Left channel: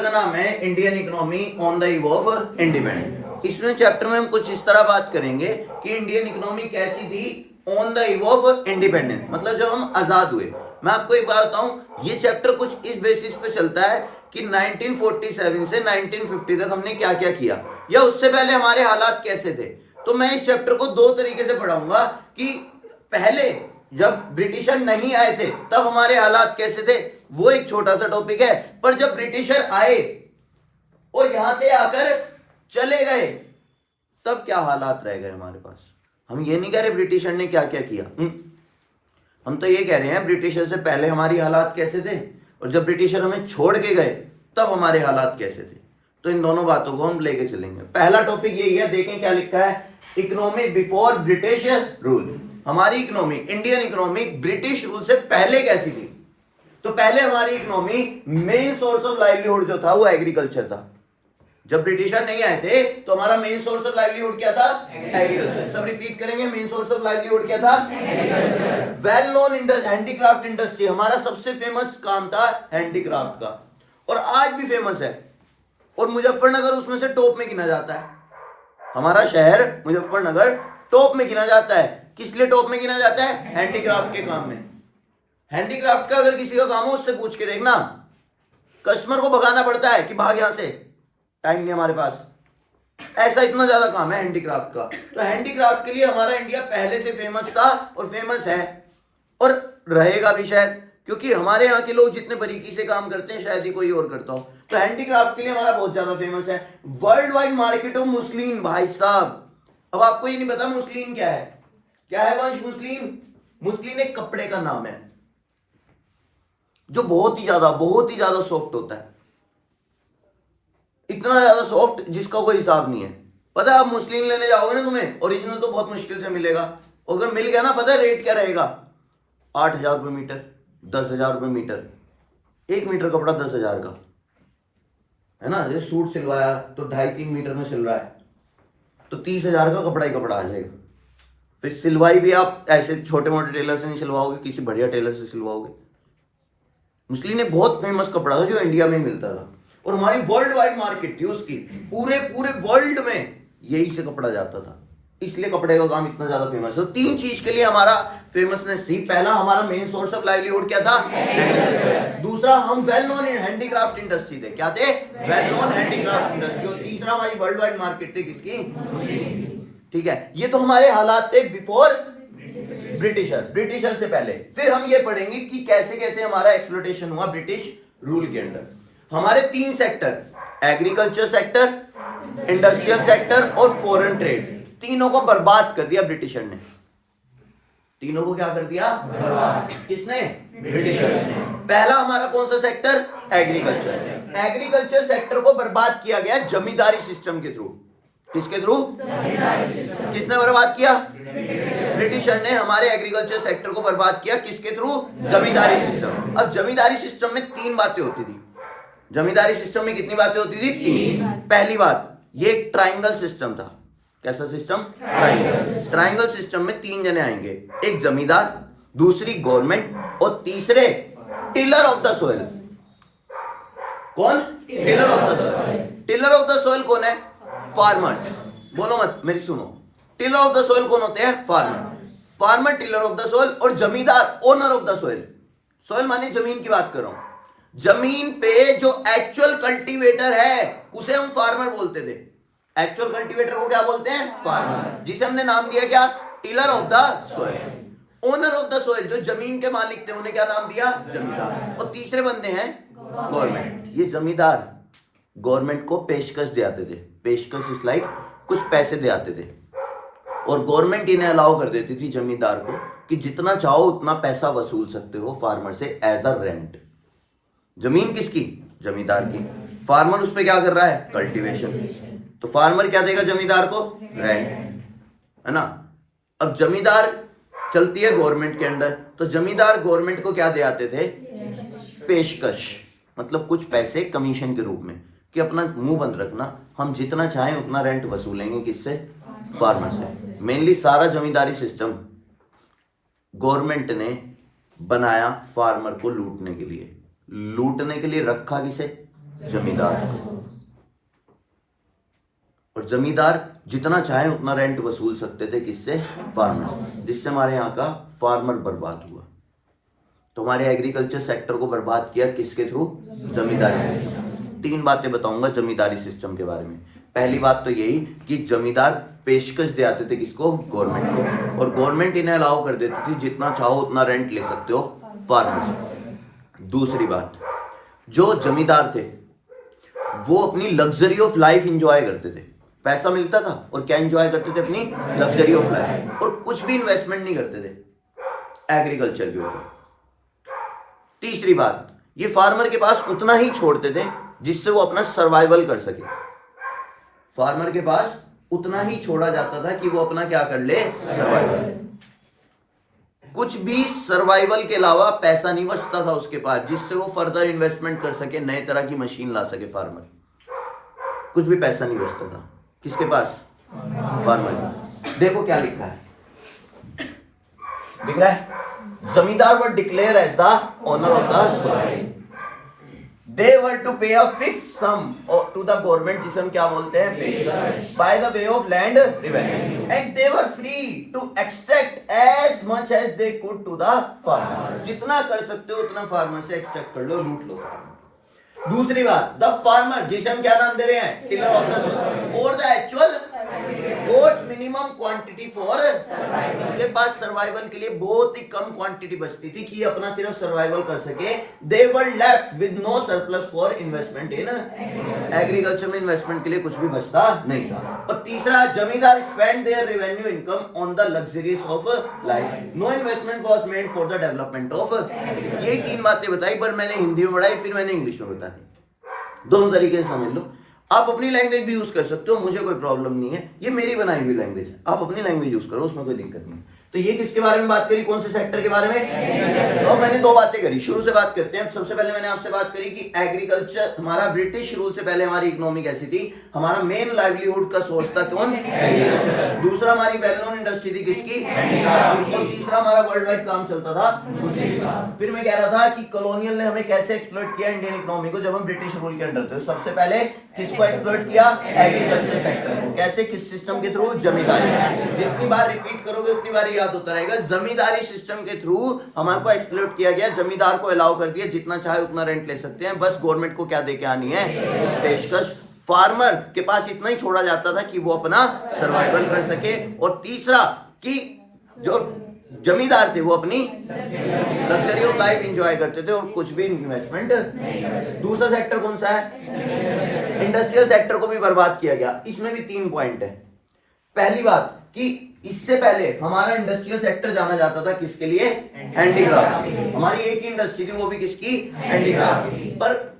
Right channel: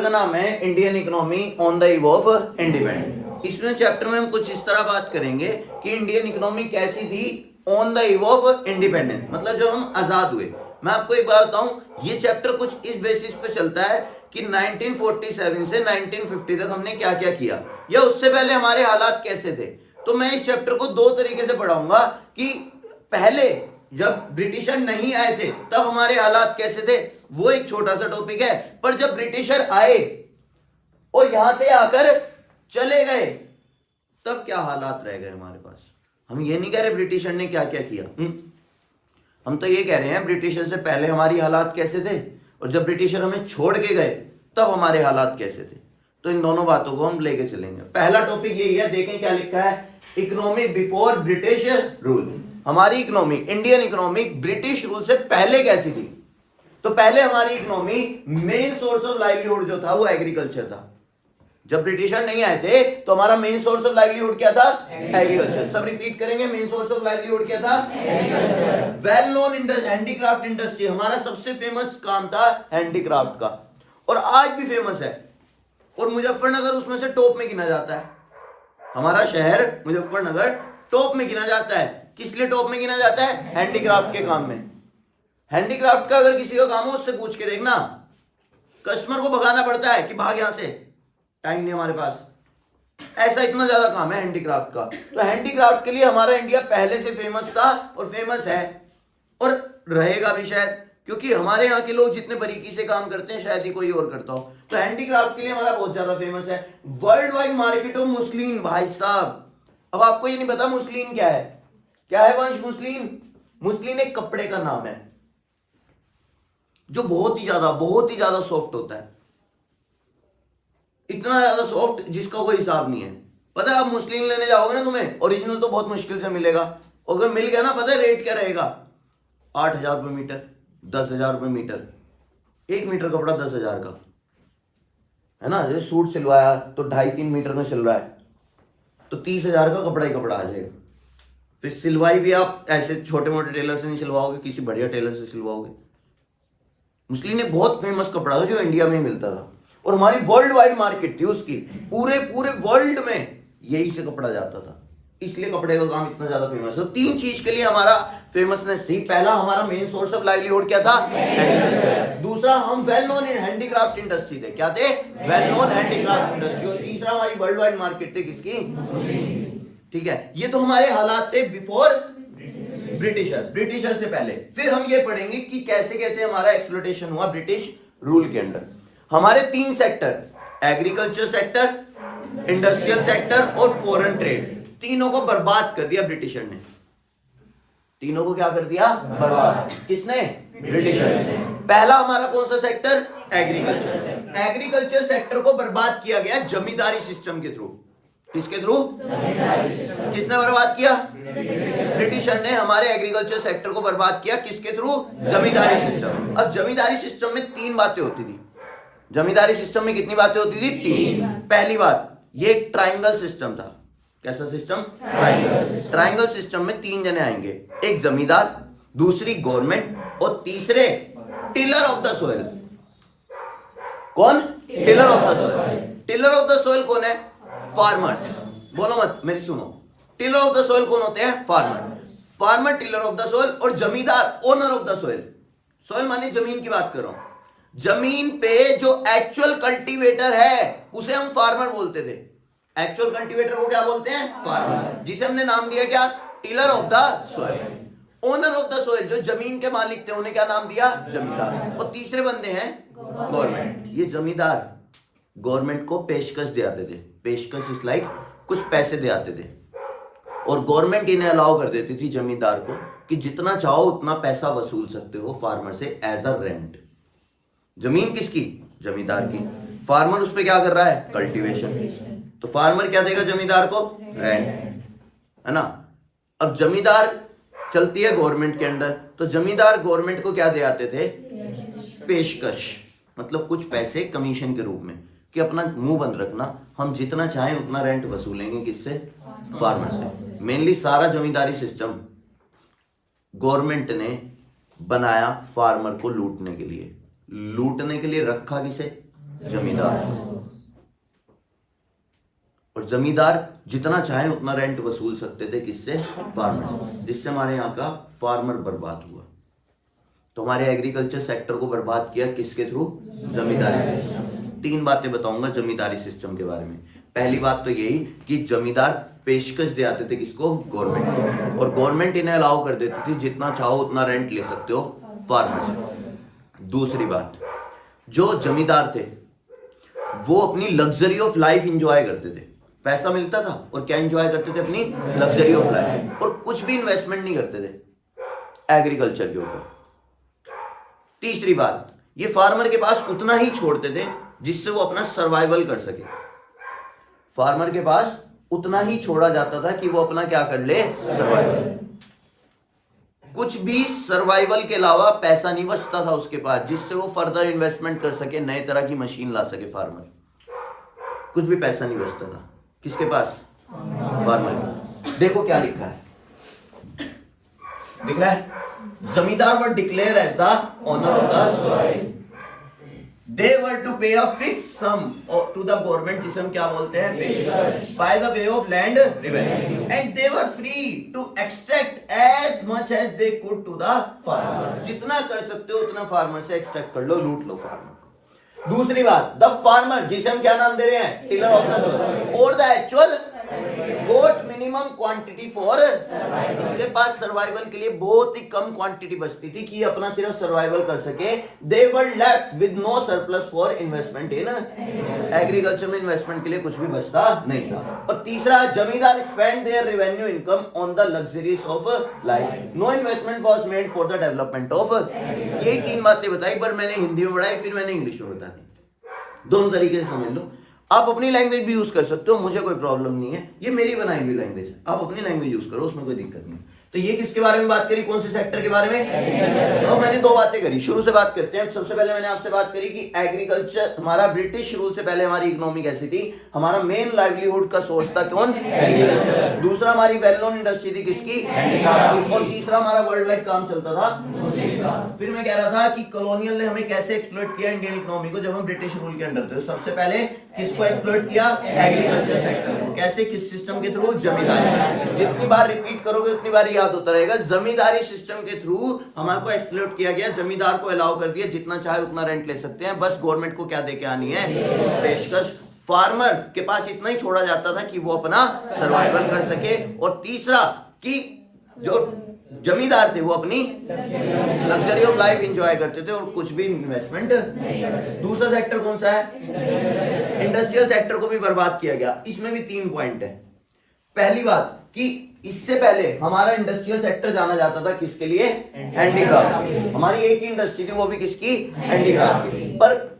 का नाम है Indian economy on the eve of independence. इसमें चैप्टर में हम कुछ इस तरह बात करेंगे कि इंडियन इकोनॉमी कैसी थी on the eve of independence, मतलब जब हम आजाद हुए। मैं आपको एक बात बताऊं, ये चैप्टर कुछ इस बेसिस पे चलता है कि 1947 से 1950 तक हमने क्या क्या किया या उससे पहले हमारे हालात कैसे थे। तो मैं इस चैप्टर को दो तरीके से पढ़ाऊंगा कि पहले जब ब्रिटिशर नहीं आए थे तब हमारे हालात कैसे थे, वो एक छोटा सा टॉपिक है। पर जब ब्रिटिशर आए और यहां से आकर चले गए तब क्या हालात रह गए हमारे पास। हम ये नहीं कह रहे ब्रिटिशर ने क्या क्या किया, हम तो ये कह रहे हैं ब्रिटिशर से पहले हमारी हालात कैसे थे और जब ब्रिटिशर हमें छोड़ के गए तब हमारे हालात कैसे थे। तो इन दोनों बातों को हम लेके चलेंगे। पहला टॉपिक यही है, देखें क्या लिखा है, इकोनॉमी बिफोर ब्रिटिश रूल। हमारी economy, Indian economy British rule से पहले कैसी थी। तो पहले हमारी economy main source of livelihood जो था वो एग्रीकल्चर था। जब ब्रिटिशर नहीं आए थे तो हमारा मेन सोर्स ऑफ लाइवलीहुड क्या था, एग्रीकल्चर। सब रिपीट करेंगे, मेन सोर्स ऑफ लाइवलीहुड क्या था, agriculture. Well known handicraft industry, हमारा सबसे फेमस काम था हैंडीक्राफ्ट का और आज भी फेमस है। और मुजफ्फरनगर उसमें से टॉप में गिना जाता है। हमारा शहर मुजफ्फरनगर टॉप में गिना जाता है। किस लिए टॉप में गिना जाता है, हैंडीक्राफ्ट के काम में। हैंडीक्राफ्ट का अगर किसी का काम हो उससे पूछ के देखना, कस्टमर को भगाना पड़ता है कि भाग यहां से, टाइम नहीं हमारे पास, ऐसा इतना ज्यादा काम है हैंडीक्राफ्ट का। तो हैंडीक्राफ्ट के लिए हमारा इंडिया पहले से फेमस था और फेमस है और रहेगा भी शायद, क्योंकि हमारे यहाँ के लोग जितने बारीकी से काम करते हैं शायद ही कोई और करता हो। तो हैंडीक्राफ्ट के लिए हमारा बहुत ज्यादा फेमस है। World wide market of muslin, भाई साहब अब आपको ये नहीं पता मुस्लिन क्या है। क्या है वंश मुस्लिन? मुस्लिन एक कपड़े का नाम है जो बहुत ही ज्यादा सॉफ्ट होता है, इतना ज्यादा सॉफ्ट जिसका कोई हिसाब नहीं है। पता है आप मुस्लिन लेने जाओगे ना, तुम्हें ओरिजिनल तो बहुत मुश्किल से मिलेगा, अगर मिल गया ना पता है रेट क्या रहेगा, 8,000 रुपये मीटर, 10,000 रुपये मीटर। 1 मीटर कपड़ा 10,000 का है ना। ये सूट सिलवाया तो 2.5-3 मीटर में सिल रहा है तो 30,000 का कपड़ा ही कपड़ा आ जाएगा। फिर सिलवाई भी आप ऐसे छोटे मोटे टेलर से नहीं सिलवाओगे, किसी बढ़िया टेलर से सिलवाओगे। मुस्लिन एक बहुत फेमस कपड़ा था जो इंडिया में मिलता था और हमारी वर्ल्ड वाइड मार्केट थी उसकी, पूरे वर्ल्ड में यही से कपड़ा जाता था, इसलिए कपड़े का काम इतना ज्यादा फेमस है। तो 3 चीज के लिए हमारा फेमसनेस थी। पहला, हमारा मेन सोर्स ऑफ लाइवलीहुड क्या था, एग्रीकल्चर। दूसरा, हम well known in handicraft industry थे। क्या थे, वेल नोन हैंडीक्राफ्ट इंडस्ट्री। और तीसरा, हमारी वर्ल्ड वाइड मार्केट थी किसकी, ठीक है। ये तो हमारे हालात थे बिफोर ब्रिटिशर से पहले। फिर हम ये पढ़ेंगे कि कैसे कैसे हमारा एक्सप्लॉयटेशन हुआ ब्रिटिश रूल के अंडर। हमारे 3 sector, agriculture sector, industrial sector और फॉरेन ट्रेड, तीनों को बर्बाद कर दिया ब्रिटिशर ने। तीनों को क्या कर दिया, बर्बाद। किसने, ब्रिटिशर ने। पहला हमारा कौन सा सेक्टर, एग्रीकल्चर। एग्रीकल्चर सेक्टर को बर्बाद किया गया जमींदारी सिस्टम के थ्रू। किसके थ्रू, किसने बर्बाद किया, ब्रिटिशर ने हमारे एग्रीकल्चर सेक्टर को बर्बाद किया। किसके थ्रू, जमींदारी सिस्टम। अब जमींदारी सिस्टम में 3 बातें होती थी। जमींदारी सिस्टम में कितनी बातें होती थी, 3। पहली बात, ये एक ट्राइंगल सिस्टम था। कैसा सिस्टम, ट्राइंगल। ट्राइंगल सिस्टम में 3 जने आएंगे, एक जमींदार, दूसरी गवर्नमेंट और तीसरे टिलर ऑफ द सोइल। कौन, tiller of the soil. Tiller of the soil कौन है, फार्मर्स। बोलो मत, मेरी सुनो, टिलर ऑफ द सोइल कौन होते हैं, farmer. Farmer tiller of the soil और जमींदार owner of the soil. Soil माने जमीन की बात कर रहा हूं। जमीन पे जो एक्चुअल कल्टीवेटर है उसे हम फार्मर बोलते थे। एक्चुअल कल्टीवेटर को क्या बोलते हैं, फार्मर, जिसे हमने नाम दिया क्या, tiller of the soil. Owner of the soil जो जमीन के मालिक थे उन्हें क्या नाम दिया, जमींदार। और तीसरे बंदे हैं गवर्नमेंट। ये जमींदार गवर्नमेंट को पेशकश दे आते थे। पेशकश इज लाइक कुछ पैसे दे आते थे और गवर्नमेंट इन्हें अलाउ कर देती थी जमींदार को कि जितना चाहो उतना पैसा वसूल सकते हो फार्मर से एज अ रेंट। जमीन किसकी, जमींदार की। फार्मर उस पे क्या कर रहा है, कल्टीवेशन। तो फार्मर क्या देगा जमींदार को, रेंट, है ना। अब जमींदार चलती है गवर्नमेंट के अंडर, तो जमींदार गवर्नमेंट को क्या दे आते थे, पेशकश, मतलब कुछ पैसे कमीशन के रूप में कि अपना मुंह बंद रखना, हम जितना चाहें उतना रेंट वसूलेंगे। किससे, फार्मर से। मेनली सारा जमींदारी सिस्टम गवर्नमेंट ने बनाया फार्मर को लूटने के लिए। लूटने के लिए रखा किसे, जमींदार को। और जमींदार जितना चाहे उतना रेंट वसूल सकते थे, किससे? फार्मर से, जिससे हमारे यहाँ का फार्मर बर्बाद हुआ। तो हमारे एग्रीकल्चर सेक्टर को बर्बाद किया किसके थ्रू? जमींदारी सिस्टम। 3 बातें बताऊंगा जमींदारी सिस्टम के बारे में। पहली बात तो यही कि जमींदार पेशकश दे आते थे किसको? गवर्नमेंट को, और गवर्नमेंट इन्हें अलाउ कर देती थी जितना चाहो उतना रेंट ले सकते हो फार्मर से। दूसरी बात, जो जमींदार थे वो अपनी लग्जरी ऑफ लाइफ इंजॉय करते थे। पैसा मिलता था और क्या इंजॉय करते थे? अपनी लग्जरी ऑफ लाइफ, और कुछ भी इन्वेस्टमेंट नहीं करते थे एग्रीकल्चर के ऊपर। तीसरी बात, ये फार्मर के पास उतना ही छोड़ते थे जिससे वो अपना सर्वाइवल कर सके। फार्मर के पास उतना ही छोड़ा जाता था कि वो अपना क्या कर ले? सर्वाइवल। कुछ भी सर्वाइवल के अलावा पैसा नहीं बचता था उसके पास जिससे वो फर्दर इन्वेस्टमेंट कर सके, नए तरह की मशीन ला सके फार्मर। कुछ भी पैसा नहीं बचता था किसके पास? फार्मर के। देखो क्या लिखा है, दिख रहा है? Zamindar were declared as the owner of the soil. They were to pay a fixed sum to the government, जिसे हम क्या बोलते हैं? पेशकश, by the way of land revenue, and they were free to extract as much as they could to the farmer। जितना कर सकते हो उतना फार्मर से एक्सट्रैक्ट कर लो, लूट लो फार्मर। दूसरी बात, द फार्मर, जिसे हम क्या नाम दे रहे हैं? टिलर ऑफ द सॉइल, और the actual got minimum quantity for, इसके पास सर्वाइवल के लिए बहुत ही कम क्वांटिटी बचती थी कि अपना सिर्फ सर्वाइवल कर सके। They were left with no surplus for investment in agriculture, में इन्वेस्टमेंट के लिए कुछ भी बचता नहीं था। और तीसरा, zamindar spend their revenue income on the luxuries of life, no investment was made for the development of. यही 3 बातें बताई, पर मैंने हिंदी में पढ़ाई, फिर मैंने इंग्लिश में बता दी। दोनों तरीके से समझ लो। आप अपनी लैंग्वेज भी यूज कर सकते हो, मुझे कोई प्रॉब्लम नहीं है, ये मेरी बनाई हुई लैंग्वेज है, आप अपनी लैंग्वेज यूज करो, उसमें कोई दिक्कत नहीं है। तो ये किसके बारे में बात करी? कौन से सेक्टर के बारे में? तो मैंने 2 बातें करी, शुरू से बात करते हैं। सबसे पहले मैंने आपसे बात करी कि एग्रीकल्चर हमारा ब्रिटिश रूल से पहले हमारी इकोनॉमी कैसी थी? हमारा मेन लाइवलीहुड का सोर्स था कौन? एग्रीकल्चर। दूसरा, हमारी वेल नोन इंडस्ट्री थी किसकी? हैंडीक्राफ्ट की। और तीसरा, हमारा वर्ल्ड वाइड काम चलता था। फिर मैं कह रहा था कि कॉलोनियल ने हमें कैसे एक्सप्लॉइट किया इंडियन इकोनॉमी को, जब हम ब्रिटिश रूल के अंडर थे। सबसे पहले किसको एक्सप्लॉइट किया? एग्रीकल्चर सेक्टर को। कैसे? किस सिस्टम के थ्रू? जमींदारी। जितनी बार रिपीट करोगे उतनी बार याद होता रहेगा। जमींदारी सिस्टम के थ्रू हमारे को एक्सप्लॉइट किया गया, जमींदार को अलाउ कर दिया जितना चाहे उतना रेंट ले सकते हैं, बस गवर्नमेंट को क्या देके आनी है? पेशकश। फार्मर के पास इतना ही छोड़ा जाता था कि वो अपना सर्वाइवल कर सके। और तीसरा कि जो जमींदार थे वो अपनी लग्जरी ऑफ लाइफ एंजॉय करते थे और कुछ भी इन्वेस्टमेंट। दूसरा सेक्टर कौन सा है? इंडस्ट्रियल सेक्टर को भी बर्बाद किया गया। इसमें भी 3 पॉइंट है। पहली बात कि इससे पहले हमारा इंडस्ट्रियल सेक्टर जाना जाता था किसके लिए? हैंडीक्राफ्ट। हमारी एक ही इंडस्ट्री थी, वो भी किसकी? हैंडीक्राफ्ट। पर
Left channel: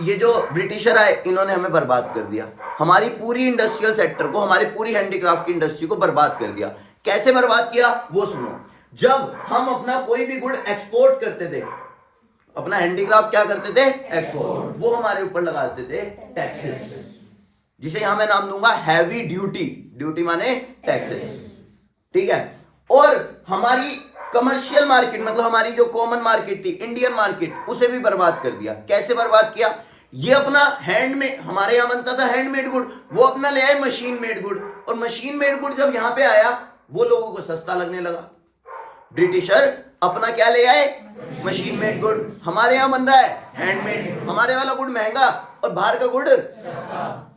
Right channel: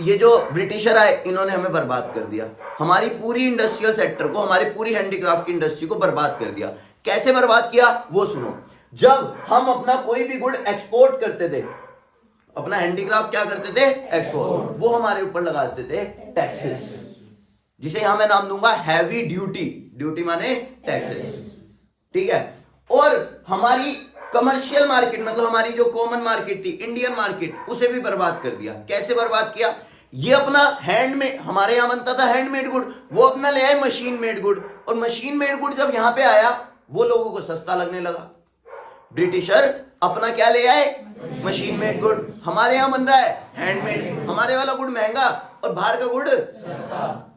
ये जो ब्रिटिशर आए इन्होंने हमें बर्बाद कर दिया, हमारी पूरी इंडस्ट्रियल सेक्टर को, हमारी पूरी हैंडीक्राफ्ट की इंडस्ट्री को बर्बाद कर दिया। कैसे बर्बाद किया वो सुनो। जब हम अपना कोई भी गुड एक्सपोर्ट करते थे, अपना हैंडीक्राफ्ट क्या करते थे? एक्सपोर्ट। वो हमारे ऊपर लगाते थे टैक्सेस, जिसे यहां मैं नाम दूंगा हैवी ड्यूटी। ड्यूटी माने टैक्सेस, ठीक है। और हमारी कमर्शियल मार्केट, मतलब हमारी जो कॉमन मार्केट थी, इंडियन मार्केट, उसे भी बर्बाद कर दिया। कैसे बर्बाद किया? ये अपना हैंडमेड, हमारे यहां बनता था हैंडमेड गुड, वो अपना ले आए मशीन मेड गुड। और मशीन मेड गुड जब यहां पे आया वो लोगों को सस्ता लगने लगा। ब्रिटिशर अपना क्या ले आए? Machine made good. हमारे यहां बन रहा है हैंडमेड, हमारे वाला गुड महंगा और बाहर का गुड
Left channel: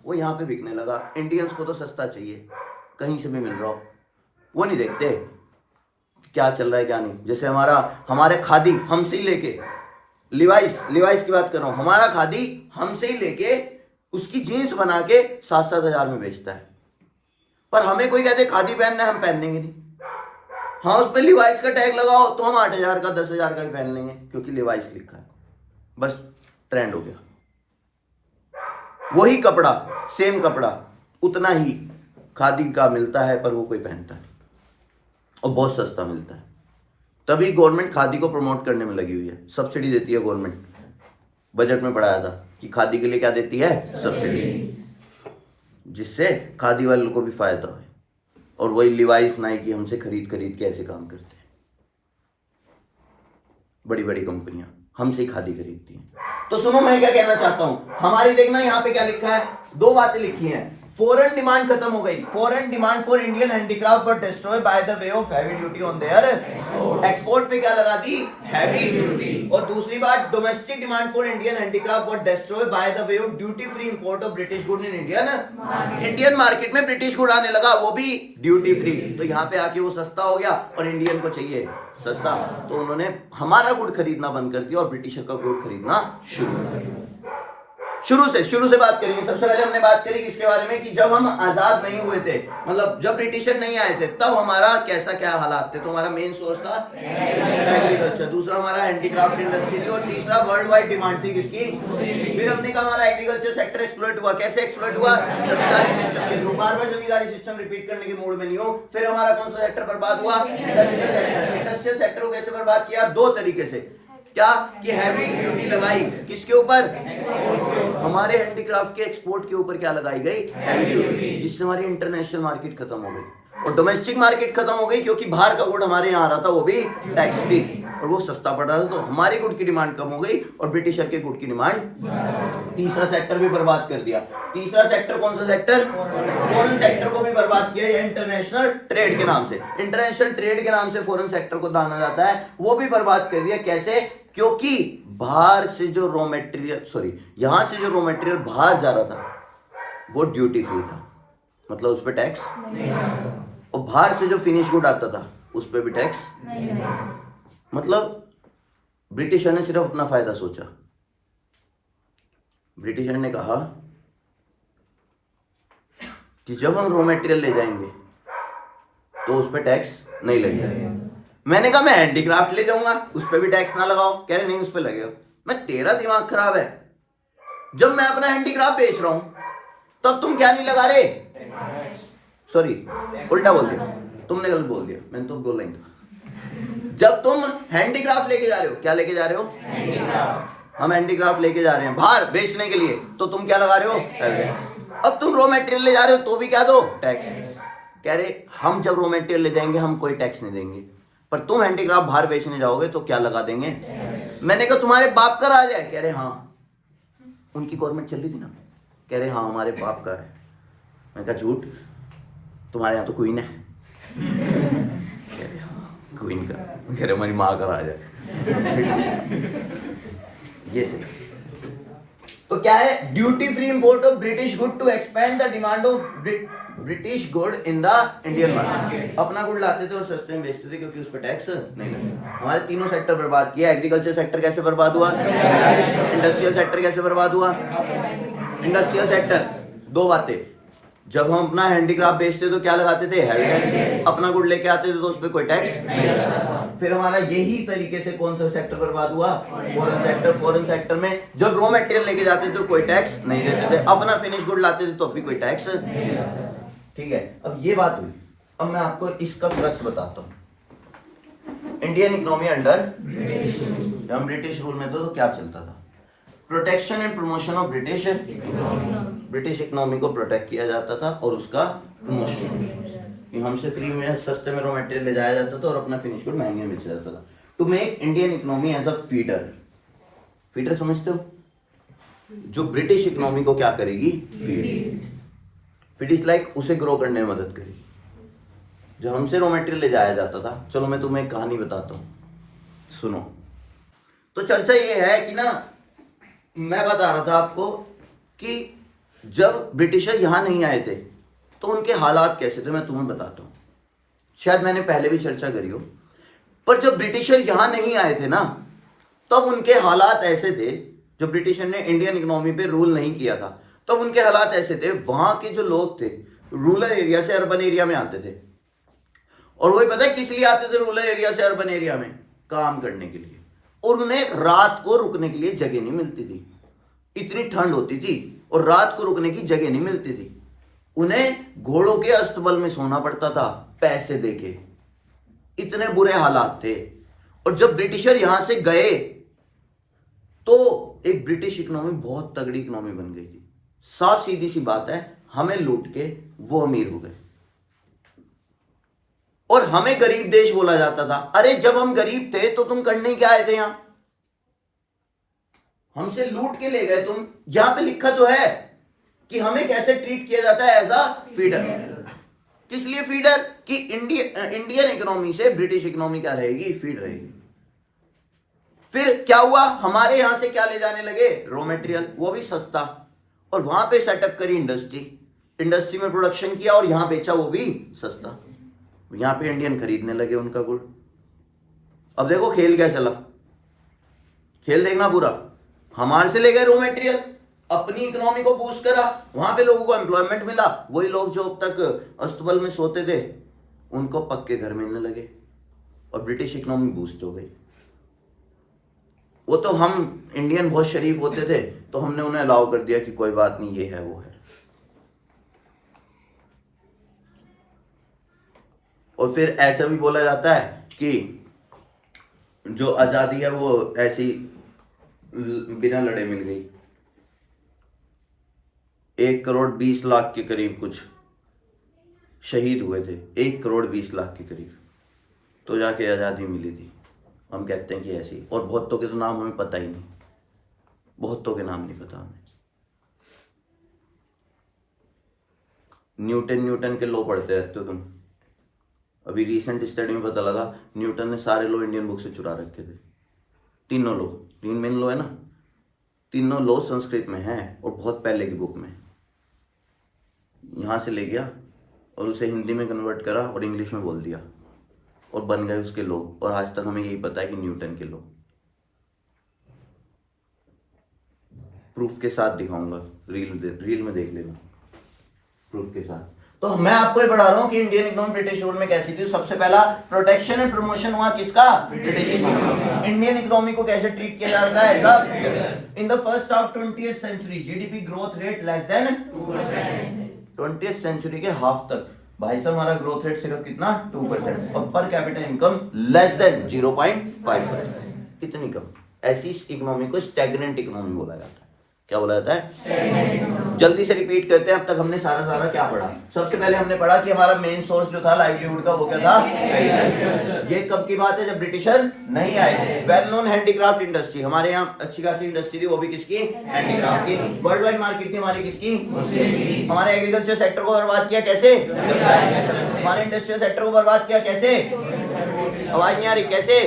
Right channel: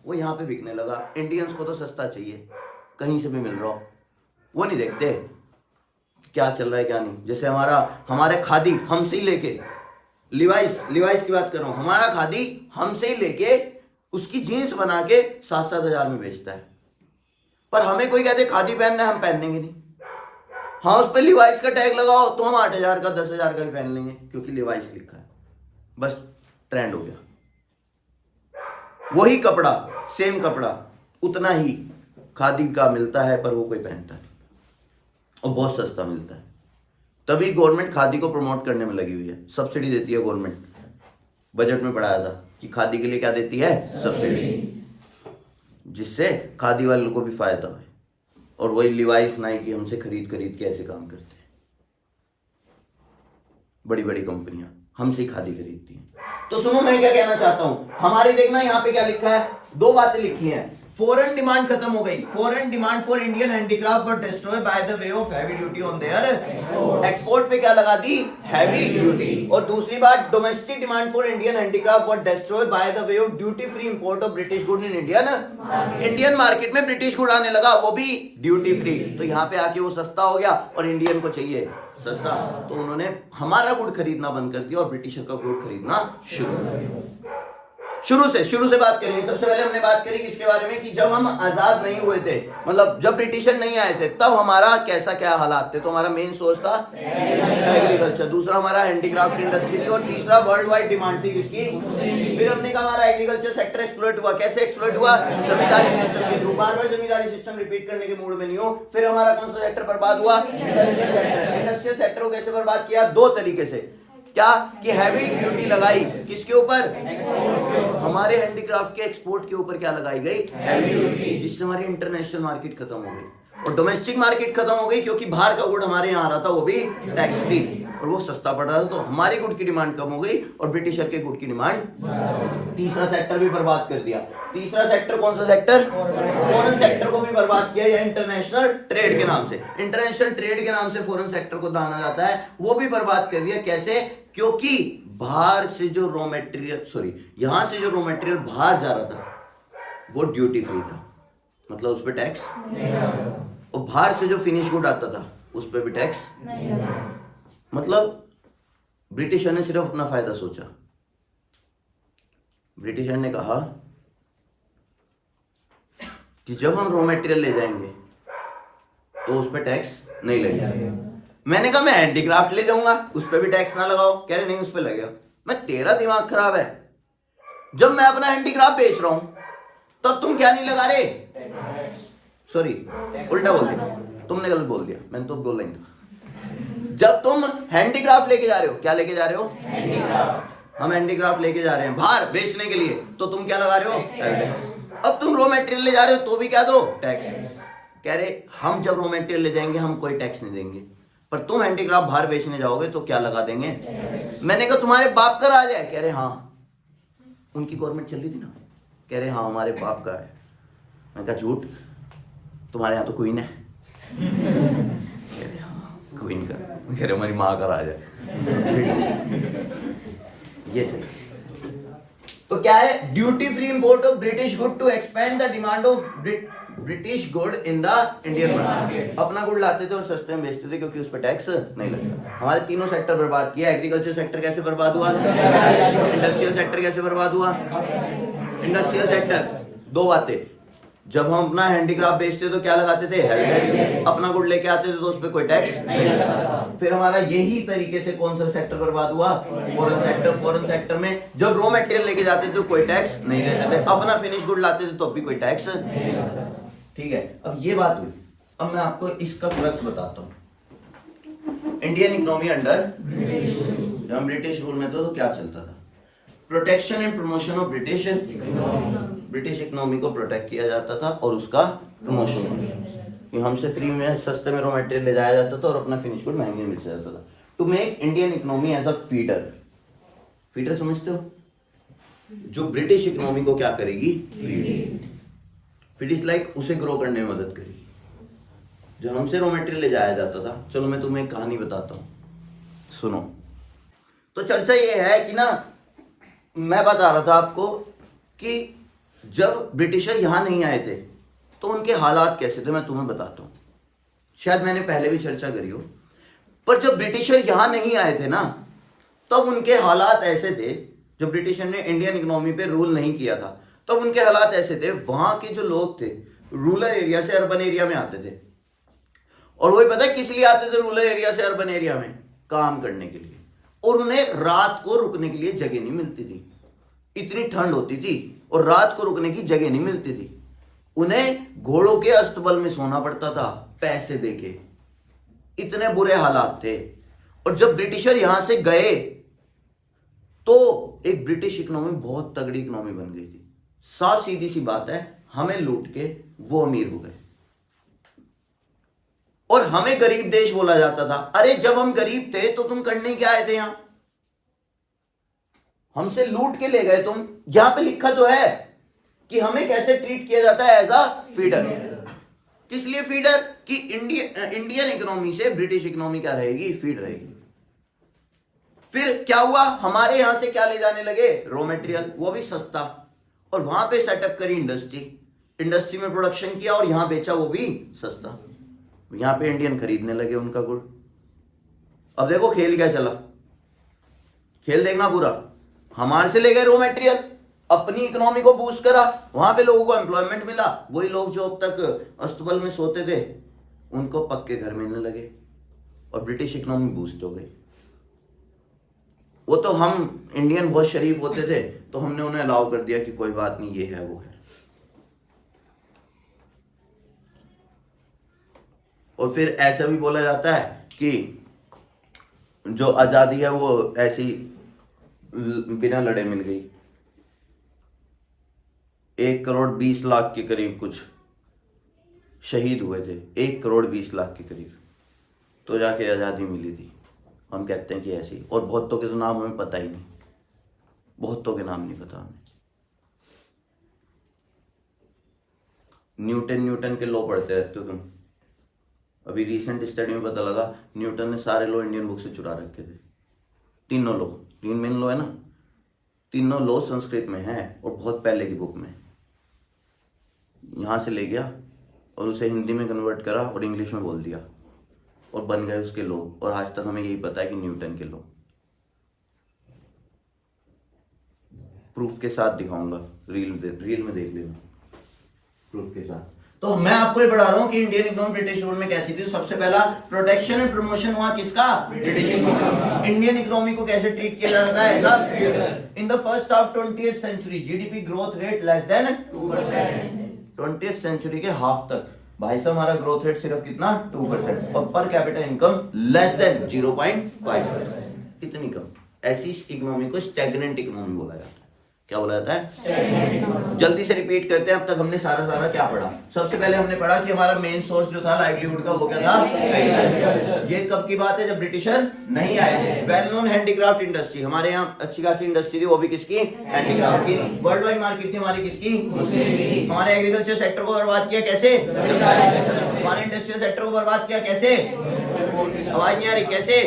वो यहां पे बिकने लगा। इंडियंस को तो सस्ता चाहिए, कहीं से भी मिल रहा हो, वो नहीं देखते क्या चल रहा है क्या नहीं। जैसे हमारे खादी हमसे ही लेके, लिवाइस की बात कर रहा हूं, हमारा खादी हमसे ही लेके उसकी जीन्स बना के 7-7 हजार में बेचता है, पर हमें कोई कहते खादी पहनना है, हम पहनेंगे नहीं। हाँ, उस पर लिवाइस का टैग लगाओ तो हम 8,000 का 10,000 का भी पहन लेंगे क्योंकि लिवाइस लिखा है, बस ट्रेंड हो गया। वही कपड़ा, सेम कपड़ा, उतना ही खादी का मिलता है पर वो कोई पहनता नहीं और बहुत सस्ता मिलता है। तभी गवर्नमेंट खादी को प्रमोट करने में लगी हुई है, सब्सिडी देती है गवर्नमेंट। बजट में पढ़ाया था कि खादी के लिए क्या देती है? सब्सिडी, जिससे खादी वालों को भी फायदा हो। और वही लिवाइस, नाइकी हमसे खरीद के ऐसे काम करते हैं बड़ी बड़ी कंपनियां। हमसे खादी खरीदती हैं। तो सुनो मैं क्या कहना चाहता हूं, हमारी देखना यहाँ पे क्या लिखा है, दो बातें लिखी हैं। फॉरेन डिमांड खत्म हो गई, foreign demand for Indian handicraft were destroy by the way of heavy duty on their export पे क्या लगा दी, हैवी ड्यूटी। और दूसरी बात, domestic demand for Indian handicraft were destroy by the way of duty free import of British good in Indian market में British good आने लगा, वो भी ड्यूटी फ्री। तो यहाँ पे आके वो सस्ता हो गया और इंडियन को चाहिए सस्ता, तो उन्होंने हमारा गुड़ खरीदना बंद कर दिया और ब्रिटिशर का गुड़ खरीदना शुरू कर दिया। शुरू से बात करेंगे। सबसे पहले हमने बात करी इसके बारे में कि जब हम आजाद नहीं हुए थे, मतलब जब ब्रिटिशर नहीं आए थे, तब हमारा कैसा क्या हालात थे। तो हमारा मेन सोर्स था एग्रीकल्चर, दूसरा हमारा हैंडीक्राफ्ट इंडस्ट्री थी, और तीसरा वर्ल्ड वाइड डिमांड थी किसकी। फिर हमने कहा हमारा एग्रीकल्चर सेक्टर एक्सप्लॉइट हुआ। कैसे एक्सप्लॉइट हुआ, जमींदारी सिस्टम के थ्रू। बार-बार जमींदारी सिस्टम रिपीट करने के मूड में नहीं हो। फिर हमारा कौन सा सेक्टर बर्बाद हुआ, इंडस्ट्रियल सेक्टर। इंडस्ट्रियल सेक्टर को कैसे बर्बाद किया, दो तरीके से। क्या कि हैवी ड्यूटी लगाई किसके ऊपर, हमारे हैंडीक्राफ्ट के एक्सपोर्ट के ऊपर क्या लगाई गई, हैवी ड्यूटी, जिससे हमारी इंटरनेशनल मार्केट खत्म हो गई और डोमेस्टिक मार्केट खत्म हो गई, क्योंकि बाहर का गुड़ हमारे यहाँ आ रहा था, वो भी टैक्स फ्री, और वो सस्ता पड़ रहा था। तो हमारी गुड़ की डिमांड कम हो गई और ब्रिटिशर के गुड़ की डिमांड। तीसरा सेक्टर भी बर्बाद कर दिया। तीसरा सेक्टर कौन सा सेक्टर, फॉरेन सेक्टर को भी बर्बाद किया, या इंटरनेशनल ट्रेड के नाम से। इंटरनेशनल ट्रेड के नाम से फॉरेन सेक्टर को जाना जाता है, वो भी बर्बाद कर दिया। कैसे, क्योंकि बाहर से जो रॉ मटेरियल, यहां से जो रॉ मटेरियल बाहर जा रहा था वो ड्यूटी फ्री था, मतलब उस पर टैक्स नहीं, और बाहर से जो फिनिश गुड आता था उस पर भी टैक्स नहीं। मतलब ब्रिटिशर ने सिर्फ अपना फायदा सोचा। ब्रिटिशर ने कहा कि जब हम रॉ मटेरियल ले जाएंगे तो उस पर टैक्स नहीं लगेगा। मैंने कहा मैं हैंडीक्राफ्ट ले जाऊंगा, उस पर भी टैक्स ना लगाओ। कह रहे नहीं, उस पर लगेगा। मैं, तेरा दिमाग खराब है, जब मैं अपना हैंडीक्राफ्ट बेच रहा हूं तब तुम क्या नहीं लगा रहे, सॉरी उल्टा बोल दिया, तुमने गलत बोल दिया, मैंने तो बोला ही था। जब तुम हैंडीक्राफ्ट लेके जा रहे हो, क्या लेके जा रहे हो, हम हैंडीक्राफ्ट लेके जा रहे हैं बाहर बेचने के लिए, तो तुम क्या लगा रहे हो, अब तुम रॉ मटेरियल ले जा रहे हो तो भी क्या दो, टैक्स। कह रहे हम जब रॉ मटेरियल ले जाएंगे हम कोई टैक्स नहीं देंगे, पर तुम हैंडीक्राफ्ट बाहर बेचने जाओगे तो क्या लगा देंगे। मैंने कहा तुम्हारे बाप का राज है। कह रहे हाँ, उनकी गवर्नमेंट चल रही थी ना। कह रहे हाँ हमारे बाप का है। मैंने कहा झूठ, तुम्हारे यहाँ तो क्वीन है। कह रहे हाँ क्वीन का। कह रहे हमारी माँ का राज है। ये सही। तो क्या है, duty free import of British good to expand the demand of British good in the Indian market. अपना गुड लाते थे और सस्ते में बेचते थे क्योंकि उस पर टैक्स नहीं लगता। हमारे तीनों सेक्टर बर्बाद किया। एग्रीकल्चर सेक्टर कैसे बर्बाद हुआ, इंडस्ट्रियल सेक्टर कैसे बर्बाद हुआ। इंडस्ट्रियल सेक्टर, दो बातें, जब हम अपना हैंडीक्राफ्ट बेचते तो क्या लगाते थे, हैवी टैक्स। अपना गुड लेके आते थे तो उस पर कोई टैक्स नहीं लगता। फिर हमारा यही तरीके से कौन सा सेक्टर बर्बाद हुआ, फॉरेन सेक्टर। फॉरेन सेक्टर में जब रॉ मटेरियल लेके जाते थे तो कोई टैक्स नहीं देते थे, अपना फिनिश गुड लाते थे तो भी कोई टैक्स नहीं लगता। ठीक है, अब ये बात हुई। अब मैं आपको इसका क्रक्स बताता हूं। इंडियन इकोनॉमी अंडर जब ब्रिटिश रूल में था तो क्या चलता था, protection and promotion of British economy को प्रोटेक्ट किया जाता था और उसका प्रमोशन, कि हमसे फ्री में सस्ते में रॉ मटेरियल ले जाया जाता था और अपना फिनिश गुड महंगे मिल जाता था। To make Indian economy as a feeder समझते हो, जो ब्रिटिश इकोनॉमी को क्या करेगी, फीड इज लाइक उसे ग्रो करने में मदद करेगी। जो हमसे रॉ मटेरियल ले जाया जाता था, चलो मैं तुम्हें एक कहानी बताता हूँ, सुनो। तो चर्चा ये है कि ना, मैं बता रहा था आपको कि जब ब्रिटिशर यहां नहीं आए थे तो उनके हालात कैसे थे, मैं तुम्हें बताता हूं। शायद मैंने पहले भी चर्चा करी हो, पर जब ब्रिटिशर यहां नहीं आए थे ना, तब उनके हालात ऐसे थे। जब ब्रिटिशर ने इंडियन इकोनॉमी पे रूल नहीं किया था तब उनके हालात ऐसे थे, वहां के जो लोग थे रूरल एरिया से अर्बन एरिया में आते थे, और वही पता है किस लिए आते थे रूरल एरिया से अर्बन एरिया में, काम करने के लिए। और उन्हें रात को रुकने के लिए जगह नहीं मिलती थी, इतनी ठंड होती थी और रात को रुकने की जगह नहीं मिलती थी। उन्हें घोड़ों के अस्तबल में सोना पड़ता था पैसे देके, इतने बुरे हालात थे। और जब ब्रिटिशर यहां से गए तो एक ब्रिटिश इकोनॉमी बहुत तगड़ी इकोनॉमी बन गई थी। साफ सीधी सी बात है, हमें लूट के वो अमीर हो गए और हमें गरीब देश बोला जाता था। अरे जब हम गरीब थे तो तुम करने क्या आए थे यहां, हमसे लूट के ले गए तुम। यहां पे लिखा तो है कि हमें कैसे ट्रीट किया जाता है, एज अ फीडर। किस लिए फीडर? कि इंडियन इकोनॉमी से ब्रिटिश इकोनॉमी क्या रहेगी, फीड रहेगी। फिर क्या हुआ, हमारे यहां से क्या ले जाने लगे, रॉ मटेरियल, वो भी सस्ता, और वहां पे सेटअप करी इंडस्ट्री, इंडस्ट्री में प्रोडक्शन किया और यहां बेचा, वो भी सस्ता। यहां पे इंडियन खरीदने लगे उनका गुड़। अब देखो खेल क्या चला, खेल देखना पूरा। हमारे से ले गए रॉ मटेरियल, अपनी इकोनॉमी को बूस्ट करा, वहां पे लोगों को एम्प्लॉयमेंट मिला, वही लोग जो अब तक अस्तबल में सोते थे उनको पक्के घर मिलने लगे, और ब्रिटिश इकोनॉमी बूस्ट हो गई। वो तो हम इंडियन बहुत शरीफ होते थे तो हमने उन्हें अलाउ कर दिया कि कोई बात नहीं, ये है वो है। और फिर ऐसा भी बोला जाता है कि जो आजादी है वो ऐसी बिना लड़े मिल गई। 1,20,00,000 के करीब कुछ शहीद हुए थे, 1,20,00,000 के करीब, तो जाके आज़ादी मिली थी। हम कहते हैं कि ऐसी, और बहुतों के तो नाम हमें पता ही नहीं, बहुतों के नाम नहीं पता हमें। न्यूटन के लॉ पढ़ते रहते हो तुम। अभी रिसेंट स्टडी में पता लगा न्यूटन ने सारे लॉ इंडियन बुक से चुरा रखे थे, तीनों लॉ, 3 मेन लॉ है ना, तीनों लॉ संस्कृत में है और बहुत पहले की बुक में। यहाँ से ले गया और उसे हिंदी में कन्वर्ट करा और इंग्लिश में बोल दिया और बन गए उसके लॉ, और आज तक हमें यही पता है कि न्यूटन के लॉ। प्रूफ के साथ दिखाऊंगा, रील में देख लेना प्रूफ के साथ। तो मैं आपको ये पढ़ा रहा हूँ कि इंडियन इकोनॉमी ब्रिटिश रूल में कैसी थी। सबसे पहला प्रोटेक्शन एंड प्रमोशन हुआ किसका, ब्रिटिश इकोनॉमी। इंडियन इकोनॉमी को कैसे ट्रीट किया जाता है, सब। In the first half 20th century GDP growth rate less than 20th century के हाफ तक भाई साहब हमारा ग्रोथ रेट सिर्फ कितना, 2%, और per capita income less than 0.5%, इतनी कम। ऐसी इकोनॉमी को स्टैग्नेंट इकोनॉमी बोला जाता है। क्या बोला जाता है? जल्दी से रिपीट करते हैं। अब तक हमने सारा क्या पढ़ा। सबसे पहले हमने पढ़ा कि हमारा मेन सोर्स जो था लाइवलीहुड का वो क्या था, एग्रीकल्चर। ये कब की बात है, जब ब्रिटिशर नहीं आए थे। वेल नोन हैंडीक्राफ्ट इंडस्ट्री, हमारे यहाँ अच्छी खासी इंडस्ट्री थी, वो भी किसकी, हैंडीक्राफ्ट की। वर्ल्ड वाइड मार्केट थी हमारी किसकी, मुस्लिम की। हमारे एग्रीकल्चर सेक्टर को बर्बाद किया कैसे, हमारे इंडस्ट्रियल सेक्टर को बर्बाद किया कैसे, आवाज नहीं आ रही, कैसे?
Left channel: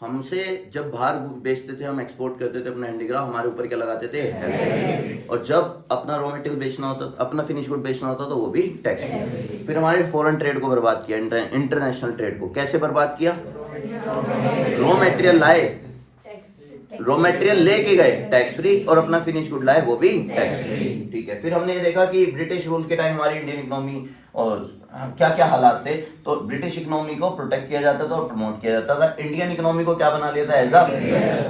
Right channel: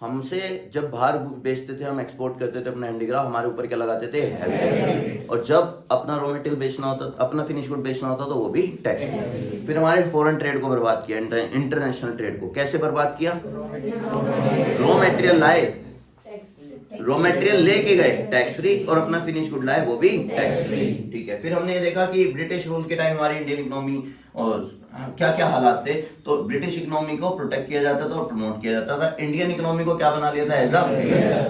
हमसे जब बाहर बेचते थे, हम एक्सपोर्ट करते थे अपना हैंडीक्राफ्ट, हमारे ऊपर क्या लगाते थे, हैवी टैक्स। और जब अपना रॉ मटेरियल बेचना होता, अपना फिनिश गुड बेचना होता तो वो भी टैक्स। फिर हमारे फॉरेन ट्रेड को बर्बाद किया, इंटरनेशनल ट्रेड को कैसे बर्बाद किया, रॉ मटेरियल लाए, रॉ मटेरियल लेके गए टैक्स फ्री, और अपना फिनिश गुड लाए वो भी टैक्स फ्री। ठीक है। फिर हमने ये देखा कि ब्रिटिश रूल के टाइम हमारी इंडियन इकोनॉमी और क्या क्या हालात थे। तो ब्रिटिश इकोनॉमी को प्रोटेक्ट किया जाता था और प्रमोट किया जाता था। इंडियन इकोनॉमी को क्या बना लिया था, एज अ,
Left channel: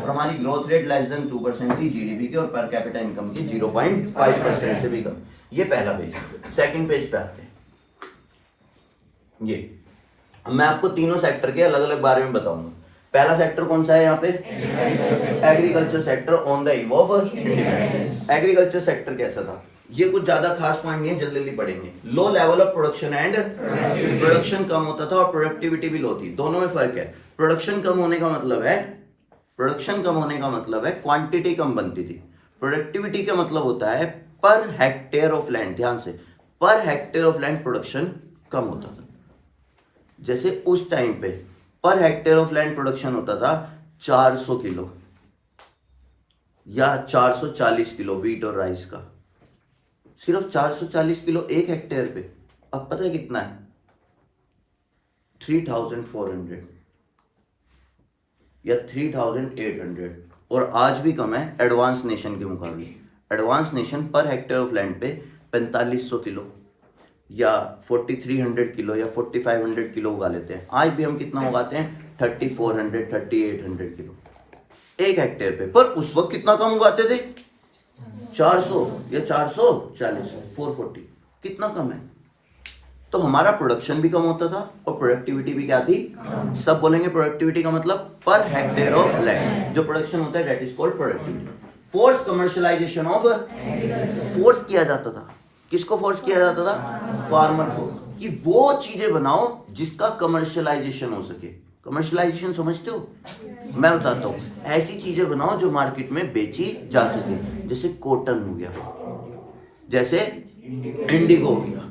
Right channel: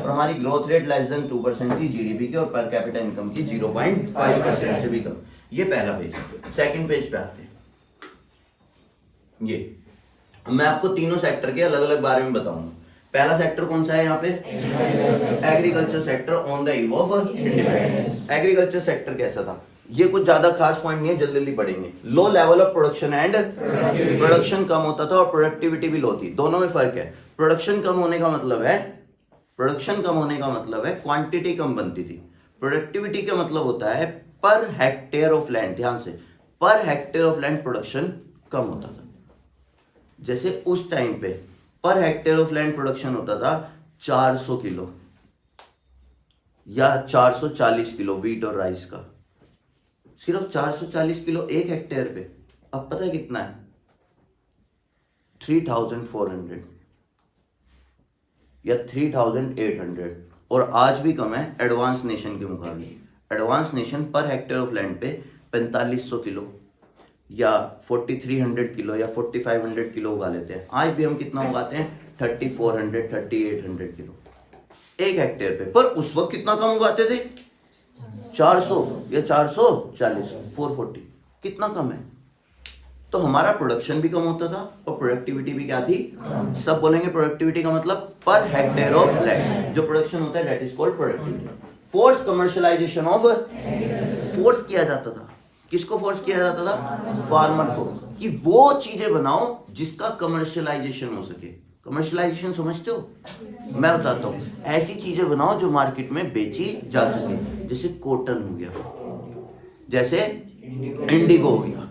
और हमारी ग्रोथ रेट लेस देन 2% थी जीडीपी की, और पर कैपिटा इनकम की 0.5% से भी कम। ये पहला पेज। सेकंड पेज पे आते हैं। ये मैं आपको तीनों सेक्टर के अलग अलग बारे में बताऊंगा। पहला सेक्टर कौन सा है यहाँ पे, agriculture sector on the eve of independence. Agriculture sector कैसा था, ये कुछ ज्यादा खास पॉइंट नहीं है, जल्दी जल्दी पढ़ेंगे। Low level of production and production कम होता था और प्रोडक्टिविटी भी लो थी, दोनों में फर्क है। प्रोडक्शन कम होने का मतलब है क्वांटिटी कम बनती थी। प्रोडक्टिविटी का मतलब होता है पर हेक्टेयर ऑफ लैंड, ध्यान से, per hectare of land production कम होता था। जैसे उस टाइम पे per hectare of land production होता था 400 किलो या 440 किलो व्हीट और राइस का, सिर्फ 440 किलो एक हेक्टेयर पे। अब पता है कितना है, 3400 या 3800, और आज भी कम है एडवांस नेशन के मुकाबले। Advance nation per hectare of land पे 4500 किलो या 4300 किलो या 4500 किलो उगा लेते हैं। आज भी हम कितना उगाते हैं, 3400 3800 किलो एक हेक्टेयर पे। पर उस वक्त कितना कम उगाते थे, 400 या 440, 440, कितना कम है। तो हमारा प्रोडक्शन भी कम होता था और प्रोडक्टिविटी भी क्या थी, सब बोलेंगे प्रोडक्टिविटी का मतलब पर हेक्टेयर ऑफ लैंड जो प्रोडक्शन होता है, that is called productivity. Force commercialisation of, force किया जाता था, किसको फोर्स किया जाता था, फार्मर को, कि वो चीजें बनाओ जिसका कमर्शियलाइजेशन हो सके। कमर्शियलाइजेशन समझते हो, मैं बताता हूँ, ऐसी चीजें बनाओ जो मार्केट में बेची जा सके, जैसे कॉटन हो गया, जैसे इंडिगो हो गया,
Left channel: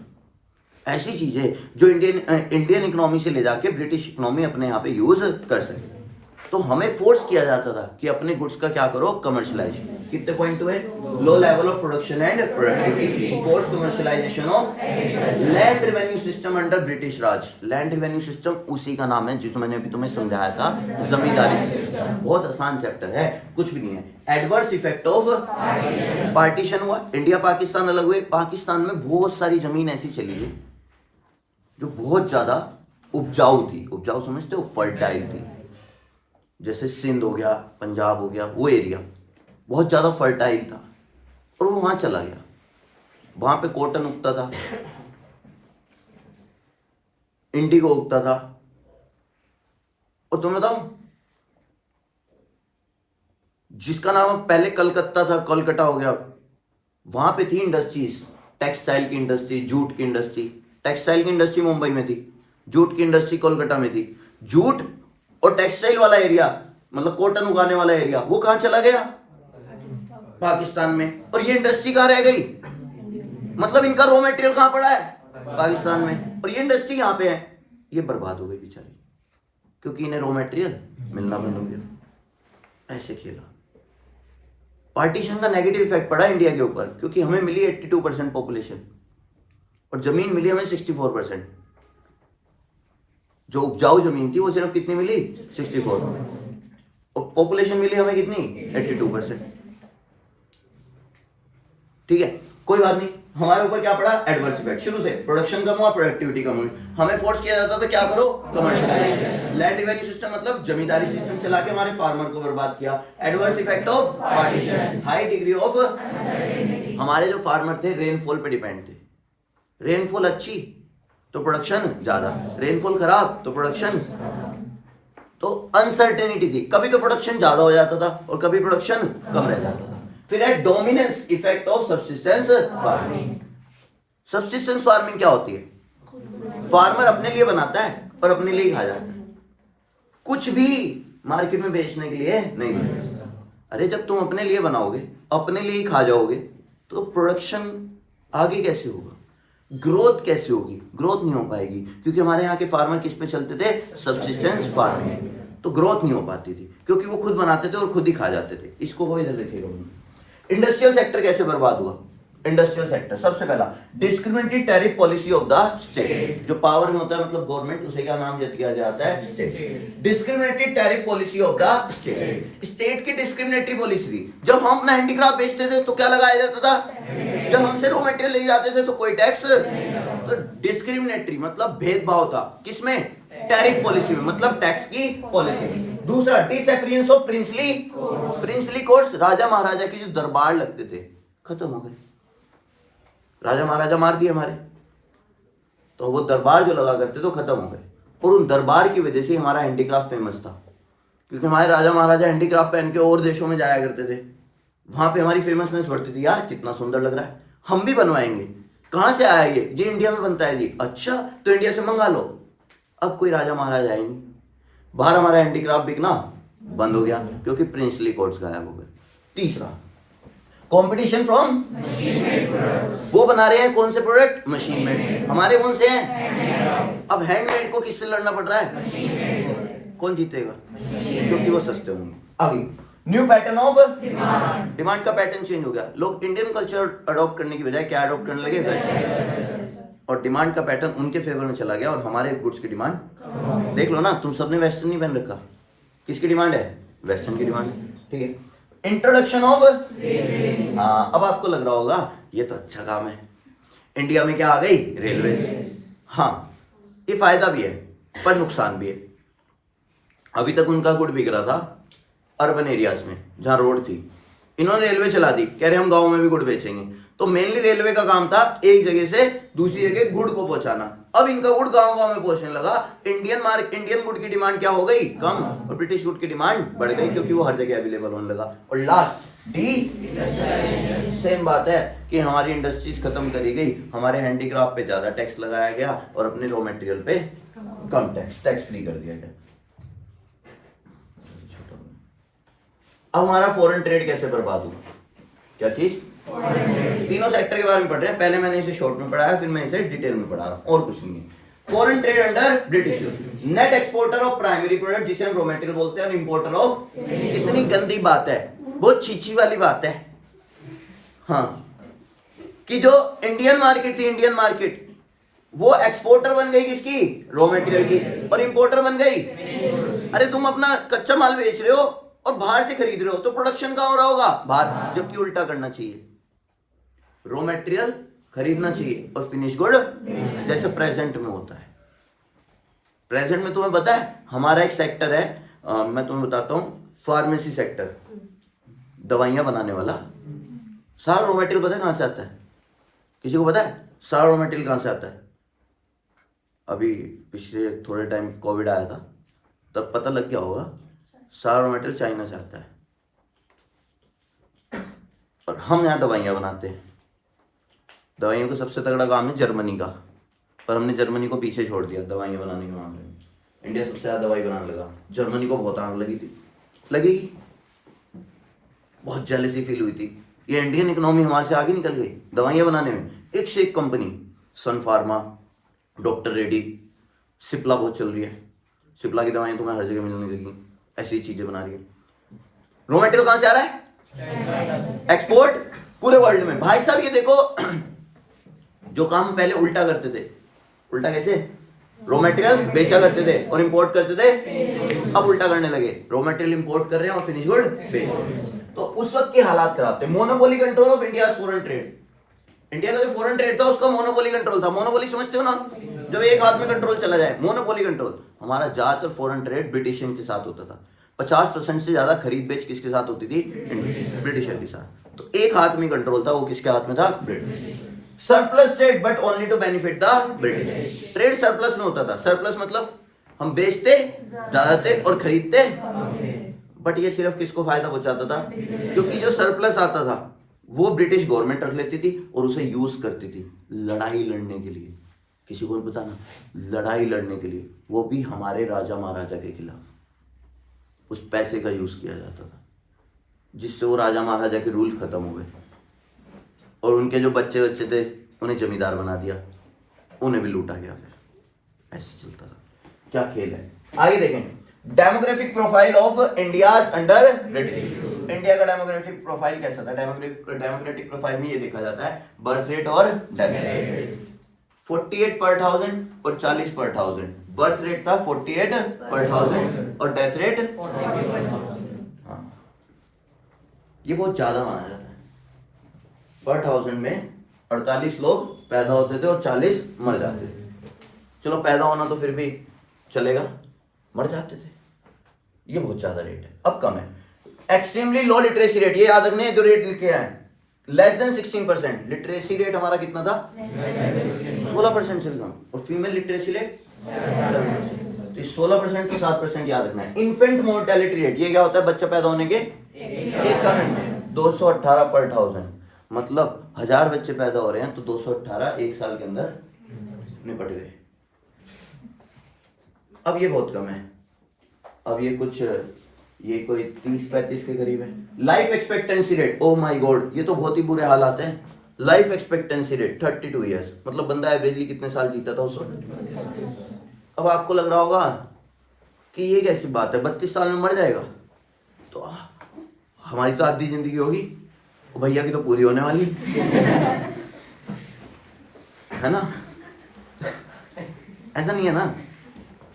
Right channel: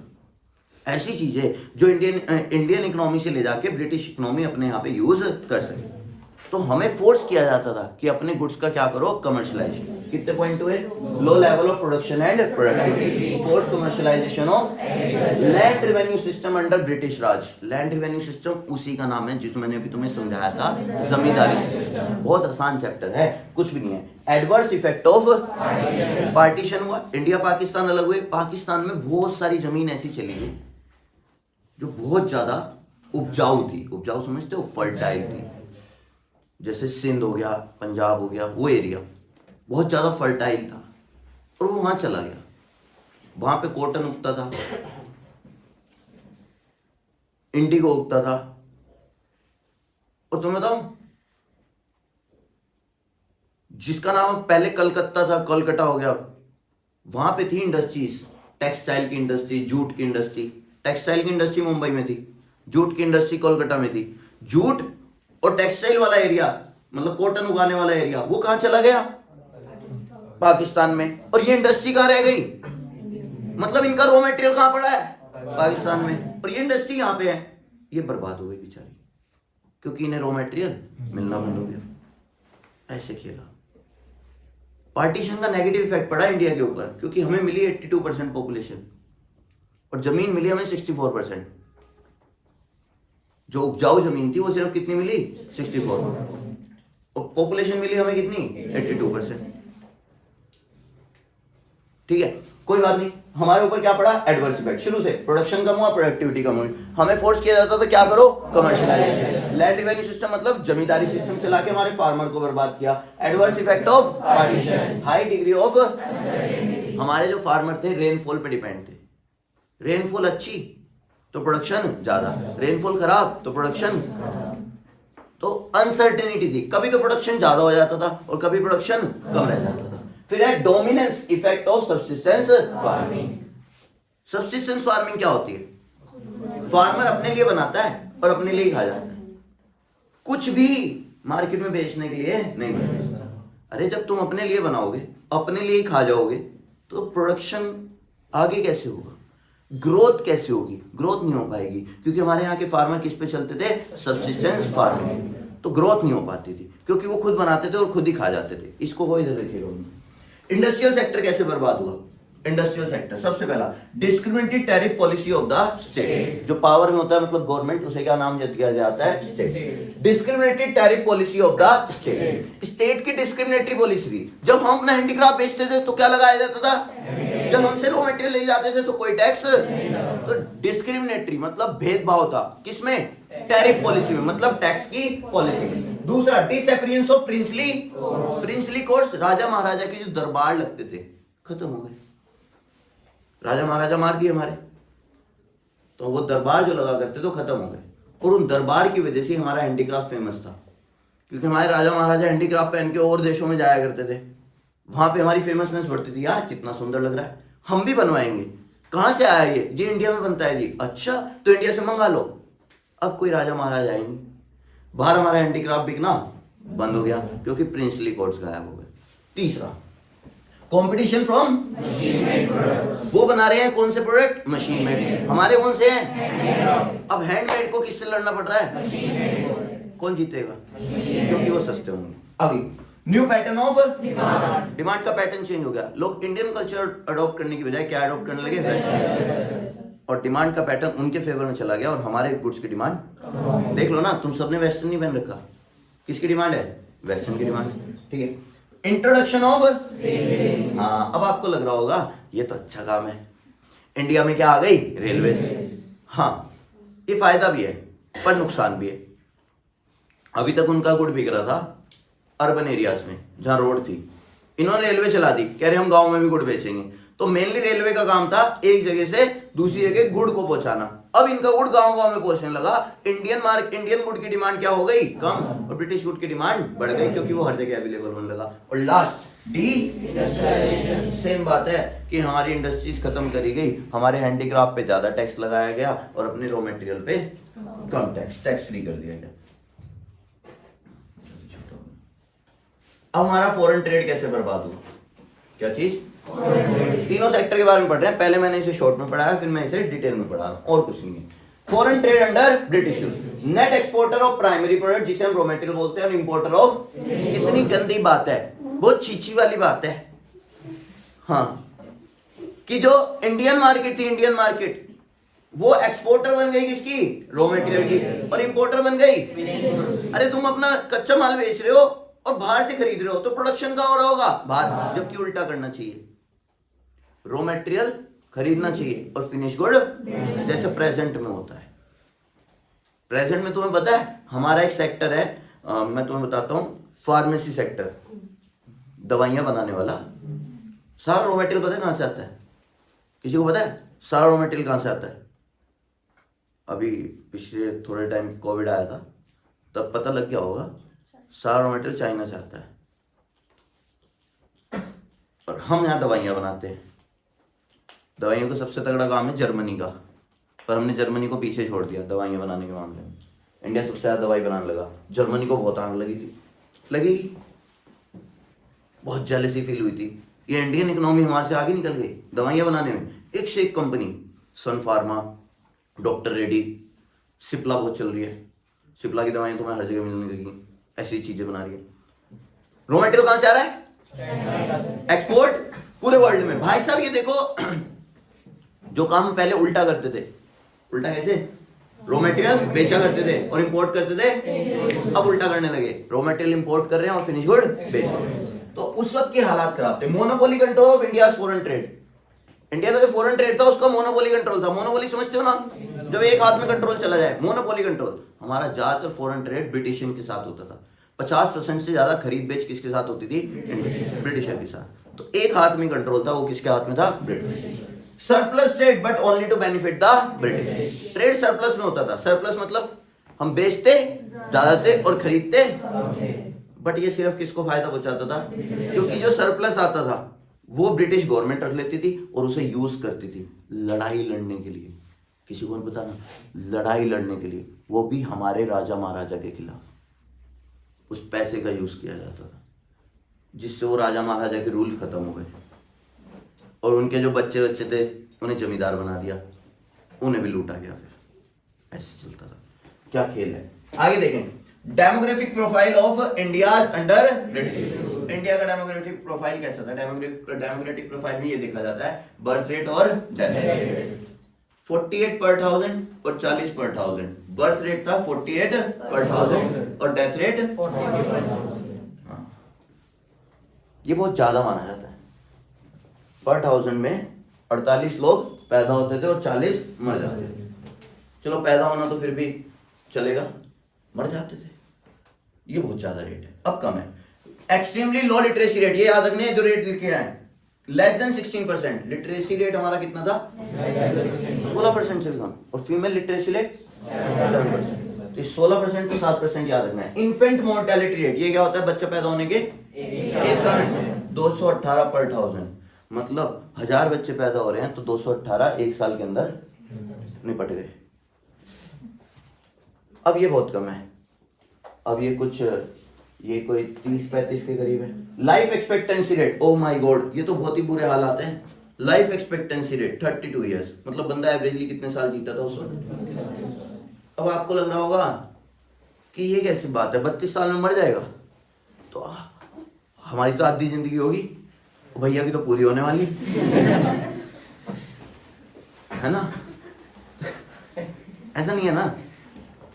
ऐसी चीजें जो इंडियन इकोनॉमी से ले जाके ब्रिटिश इकोनॉमी अपने यहाँ पे यूज कर सके। तो हमें फोर्स किया जाता था कि अपने गुड्स का क्या करो, कमर्शलाइज। कितने पॉइंट हुए? लो level of production and productivity, force commercialisation of land revenue system under British Raj. Land revenue system उसी का नाम है जिसको मैंने अभी तुम्हें समझाया था, जमींदारी सिस्टम। बहुत आसान चैप्टर है, कुछ भी नहीं है। एडवर्स इफेक्ट ऑफ पार्टीशन हुआ, इंडिया पाकिस्तान अलग हुए। पाकिस्तान में बहुत सारी जमीन ऐसी चली गई जो बहुत ज्यादा उपजाऊ थी। उपजाऊ समझते हो? फर्टाइल थी। जैसे सिंध हो गया, पंजाब हो गया, वो एरिया बहुत ज्यादा फर्टाइल था और वो वहां चला गया। वहां पे कॉटन उगता था, इंडिगो उगता था। और तुम्हें बताऊं, जिसका नाम पहले कलकत्ता था, कोलकाता हो गया, वहां पे थी इंडस्ट्रीज, टेक्सटाइल की इंडस्ट्री, जूट की इंडस्ट्री। टेक्सटाइल की इंडस्ट्री मुंबई में थी, जूट की इंडस्ट्री कोलकाता में थी। जूट और टेक्सटाइल वाला एरिया, मतलब कॉटन उगाने वाला एरिया, वो कहां चला गया? पाकिस्तान में। और ये इंडस्ट्री कहां रह गई? मतलब इनका रॉ मटेरियल कहां पड़ा है? पाकिस्तान में। और ये इंडस्ट्री यहां पे है, ये बर्बाद हो गई बेचारी, क्योंकि इन्हें रॉ मटेरियल मिलना बंद हो गया। ऐसे खेला। पार्टीशन का नेगेटिव इफेक्ट पड़ा इंडिया के ऊपर, क्योंकि हमें मिली 82% पॉपुलेशन और जमीन मिली हमें 64%। जो उपजाऊ जमीन थी वो सिर्फ कितनी मिली? 64। और पॉपुलेशन मिली हमें कितनी? 82%। ठीक है, कोई बात नहीं। हमारे ऊपर क्या पड़ा? Adverse effect. शुरू से प्रोडक्शन कम हुआ, प्रोडक्टिविटी कम हुई। हमें फोर्स किया जाता तो क्या करो? कमर्शियलाइजेशन। लैंड रेवेन्यू सिस्टम मतलब जमींदारी सिस्टम चला के हमारे फार्मर को बर्बाद किया। Adverse effect of partition, high degree of, हमारे जो फार्मर थे रेनफॉल पे डिपेंड थे। रेनफॉल अच्छी तो प्रोडक्शन ज्यादा, रेनफॉल खराब तो प्रोडक्शन। तो अनसर्टेनिटी थी, कभी तो प्रोडक्शन ज्यादा हो जाता था और कभी प्रोडक्शन कम रह जाता था। फिर है dominance effect of subsistence farming. Subsistence farming क्या होती है? फार्मर अपने लिए बनाता है और अपने लिए ही खा जाता है, कुछ भी मार्केट में बेचने के लिए नहीं बनाता। अरे जब तुम अपने लिए बनाओगे, अपने लिए ही खा जाओगे, तो प्रोडक्शन आगे कैसे होगा? ग्रोथ कैसे होगी? ग्रोथ नहीं हो पाएगी, क्योंकि हमारे यहाँ के फार्मर किस पे चलते थे? Subsistence farming. तो ग्रोथ नहीं हो पाती थी, क्योंकि वो खुद बनाते थे और खुद ही खा जाते थे। इसको कोई इधर देखेगा। इंडस्ट्रियल सेक्टर कैसे बर्बाद हुआ? इंडस्ट्रियल सेक्टर सबसे पहला discriminatory tariff policy of the state. जो पावर में होता है मतलब गवर्नमेंट, उसे क्या नाम दिया जाता है? State. Discriminatory tariff policy of the state. State की डिस्क्रिमिनेटरी पॉलिसी थी। जब हम अपना हैंडीक्राफ्ट बेचते थे तो क्या लगाया जाता था? जब हमसे रॉ मटेरियल ले जाते थे तो कोई टैक्स। तो डिस्क्रिमिनेटरी मतलब भेदभाव था, किसमें? टैरिफ पॉलिसी में, मतलब टैक्स की पॉलिसी में। दूसरा डिसअपियरेंस ऑफ प्रिंसली कोर्ट्स। राजा महाराजा के जो दरबार लगते थे खत्म हो गए, राजा महाराजा मार दिए हमारे, तो वो दरबार जो लगा करते तो खत्म हो गए। और उन दरबार की वजह से हमारा हैंडीक्राफ्ट फेमस था, क्योंकि हमारे राजा महाराजा हैंडीक्राफ्ट पहन के और देशों में जाया करते थे, वहां पे हमारी फेमसनेस बढ़ती थी। यार कितना सुंदर लग रहा है, हम भी बनवाएंगे। कहां से आया ये इंडिया में बनता है जी। अच्छा, तो इंडिया से मंगा लो। अब कोई राजा महाराजा आए नहीं, बाहर हमारा हैंडीक्राफ्ट बिकना बंद हो गया, क्योंकि प्रिंसली कोर्ट्स गायब हो गए। तीसरा कंपटीशन फ्रॉम, वो बना रहे हैं कौन से प्रोडक्ट? Machine made. हमारे कौन से हैं? अब हैंडमेड को किससे लड़ना पड़ रहा है? कौन जीतेगा? क्योंकि वो सस्ते होंगे। अभी न्यू पैटर्न ऑफ डिमांड का पैटर्न चेंज हो गया। लोग इंडियन कल्चर अडॉप्ट करने की बजाय क्या अडॉप्ट करने लगे? वेस्टर्न। और डिमांड का पैटर्न उनके फेवर में चला गया और हमारे गुड्स की डिमांड देख लो ना, तुम सबने वेस्टर्न नहीं पहन रखा, किसकी डिमांड है? वेस्टर्न की डिमांड। ठीक है, इंट्रोडक्शन ऑफ, हाँ अब आपको लग रहा होगा ये तो अच्छा काम है, इंडिया में क्या आ गई? रेलवे। हाँ ये फायदा भी है पर नुकसान भी है। अभी तक उनका गुड बिक रहा था अर्बन एरियाज में जहां रोड थी, इन्होंने रेलवे चला दी, कह रहे हम गांव में भी गुड़ बेचेंगे। तो मेनली रेलवे का काम था एक जगह से दूसरी जगह गुड़ को पहुंचाना। अब इनका गुड़ गांव गांव में पहुंचने लगा। इंडियन गुड़ की डिमांड क्या हो गई? कम, और ब्रिटिश गुड़ की डिमांड बढ़ गई, क्योंकि वो हर जगह अवेलेबल होने लगा। और लास्ट डी, सेम बात है कि हमारी इंडस्ट्रीज खत्म करी गई, हमारे हैंडीक्राफ्ट पे ज्यादा टैक्स लगाया गया और अपने रॉ मटेरियल पे कम टैक्स फ्री कर दिया गया। अब हमारा फॉरेन ट्रेड कैसे बर्बाद हुआ, क्या चीज, तीनों सेक्टर के बारे में पढ़ रहे हैं। पहले मैंने इसे शॉर्ट में पढ़ाया, फिर मैं इसे डिटेल में पढ़ा, और कुछ नहीं है। Foreign trade under British, net exporter of primary product जिसे हम रॉ मटेरियल बोलते हैं, इंपोर्टर ऑफ, कितनी गंदी बात है, बहुत छीछी वाली बात है। हाँ, कि जो इंडियन मार्केट थी, इंडियन मार्केट, वो एक्सपोर्टर बन गई किसकी, रॉ मटेरियल की, और इंपोर्टर बन गई। अरे तुम अपना कच्चा माल बेच रहे हो और बाहर से खरीद रहे हो, तो प्रोडक्शन कहाँ हो रहा होगा, बाहर, जबकि उल्टा करना चाहिए, रॉ मटेरियल खरीदना चाहिए और फिनिश गुड जैसे प्रेजेंट में होता है। प्रेजेंट में तुम्हें पता है हमारा एक सेक्टर है, मैं तुम्हें बताता हूं, फार्मेसी सेक्टर, दवाइयां बनाने वाला। सारा रॉ मटेरियल पता है कहां से आता है, किसी को पता है सारा रॉ मटेरियल कहां से आता है? अभी पिछले थोड़े टाइम कोविड आया था, तब पता लग गया होगा, सारा रॉ मटेरियल चाइना से आता है, और हम यहाँ दवाइयाँ बनाते हैं। दवाइयों का सबसे तगड़ा काम है जर्मनी का, पर हमने जर्मनी को पीछे छोड़ दिया दवाइयाँ बनाने के मामले में। इंडिया सबसे ज़्यादा दवाई बनाने लगा, जर्मनी को बहुत आग लगी थी, लगेगी, बहुत जेलसी फील हुई थी। ये इंडियन इकोनॉमी हमारे से आगे निकल गई दवाइयाँ बनाने में, एक से एक कंपनी, सन फार्मा, डॉक्टर रेड्डी, सिप्ला बहुत चल रही है, सिप्ला की दवाइयाँ तुम्हें हर जगह मिलने लगी, ऐसी चीज़ें बना रही है। रॉ मटेरियल कहाँ से आ रहा है, एक्सपोर्ट पूरे वर्ल्ड में। भाई साहब ये देखो, जो काम पहले उल्टा करते थे, उल्टा कैसे, रॉ मटेरियल बेचा करते थे और इंपोर्ट करते थे, अब उल्टा करने लगे, रॉ मटेरियल इंपोर्ट कर रहे हैं और फिनिश गुड बेच। तो उस वक्त के हालात खराब थे। Monopoly control of India foreign trade, India का जो फॉरेन ट्रेड था उसका मोनोपोली कंट्रोल था। मोनोपोली समझते हो ना, जब एक हाथ में कंट्रोल चला जाए, मोनोपोली कंट्रोल। हमारा ज्यादातर फॉरेन ट्रेड ब्रिटिशियन के साथ होता था, 50% से ज्यादा खरीद बेच किसके साथ होती थी, ब्रिटिशर के साथ। तो एक हाथ में कंट्रोल था, वो किसके हाथ में था, British. Surplus trade but only to benefit the British, trade surplus में होता था। सरप्लस मतलब हम बेचते ज्यादा थे और खरीदते, बट ये सिर्फ किसको फायदा पहुंचाता था, क्योंकि जो सरप्लस आता था वो ब्रिटिश गवर्नमेंट रख लेती थी और उसे यूज करती थी लड़ाई लड़ने के लिए। किसी को पता ना, लड़ाई लड़ने के लिए, वो भी हमारे राजा महाराजा के खिलाफ। उस पैसे का यूज किया जाता था, जिससे वो राजा महाराजा के रूल खत्म हो गए और उनके जो बच्चे बच्चे थे उन्हें जमींदार बना दिया, उन्हें भी लूटा गया। फिर ऐसे चलता था। क्या खेल है। आगे देखें, demographic profile of India under British. India का डेमोग्राफिक प्रोफाइल कैसा था? डेमोग्राफिक प्रोफाइल में ये देखा जाता है बर्थ रेट और डेथ रेट। 48 पर 1000 और 40 पर 1000। बर्थ रेट था 48 पर 1000 और डेथ रेट, हाँ, ये बहुत ज्यादा माना जाता है। पर 1000 में 48 लोग पैदा होते थे और 40 मर जाते थे। चलो पैदा होना तो फिर भी चलेगा, मर जाते थे, ये बहुत ज्यादा रेट है। अब कम है। एक्सट्रीमली लो लिटरेसी रेट, ये याद रखने जो रेट लिखे हैं, लेस देन 16%। लिटरेसी रेट हमारा कितना था, 16% से भी कम। और फीमेल लिटरेसी रेट 16% तो 7% याद रखना है। इन्फेंट मोर्टेलिटी रेट, ये क्या होता है, बच्चा पैदा होने के एक साल में 218 पर 1000। मतलब 1000 बच्चे पैदा हो रहे हैं तो 218 एक साल के अंदर निपट गए। अब ये बहुत कम है, अब ये कोई 30-35 के करीब है। Life expectancy rate, oh my God, ये तो बहुत ही बुरे हालात हैं। लाइफ एक्सपेक्टेंसी रेट 32 ईयर्स, मतलब बंदा एवरेजली कितने साल जीता था उस वक्त। अब आपको लग रहा होगा कि ये कैसी बात है, 32 साल में मर जाएगा, तो हमारी तो आधी जिंदगी होगी, भैया की तो पूरी होने वाली है ना। ऐसा नहीं है ना,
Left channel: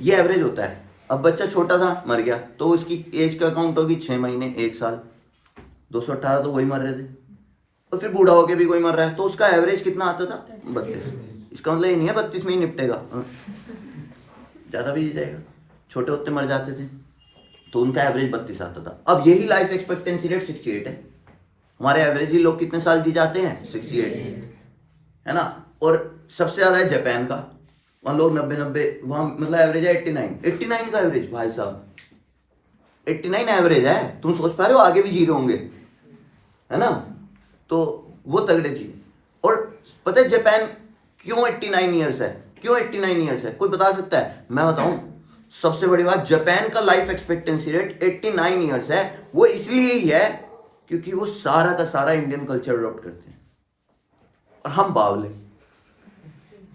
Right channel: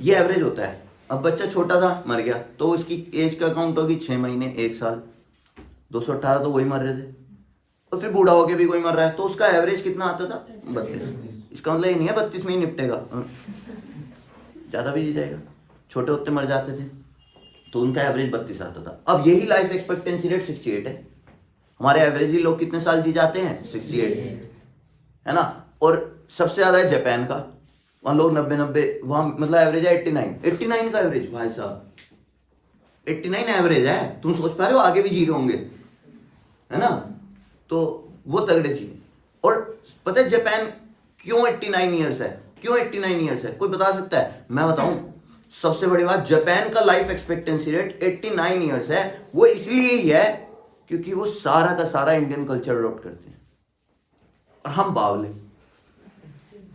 ये एवरेज होता है। अब बच्चा छोटा था मर गया तो उसकी एज का काउंट होगी 6 महीने 1 साल, 218 तो वही मर रहे थे। और फिर बूढ़ा होके भी कोई मर रहा है तो उसका एवरेज कितना आता था, 32। इसका मतलब ये नहीं है 32 में ही निपटेगा, ज़्यादा भी जी जाएगा। छोटे होते मर जाते थे तो उनका एवरेज 32 आता था। अब यही लाइफ एक्सपेक्टेंसी रेट 68 है। हमारे एवरेजली लोग कितने साल जी जाते हैं, 68 है ना। और सबसे ज़्यादा है जापान का, वहाँ लोग 90, वहाँ मतलब एवरेज है 89 का एवरेज। भाई साहब 89 एवरेज है, तुम सोच पा रहे हो, आगे भी जी रहे होंगे, है ना। तो वो तगड़े चीज। और पता है जापान क्यों 89 ईयर्स है, क्यों 89 ईयर्स है, कोई बता सकता है? मैं बताऊं, सबसे बड़ी बात, जापान का लाइफ एक्सपेक्टेंसी रेट 89 ईयर्स है। वो इसलिए ही है क्योंकि वो सारा का सारा इंडियन कल्चर अडॉप्ट करते हैं। और हम बावले,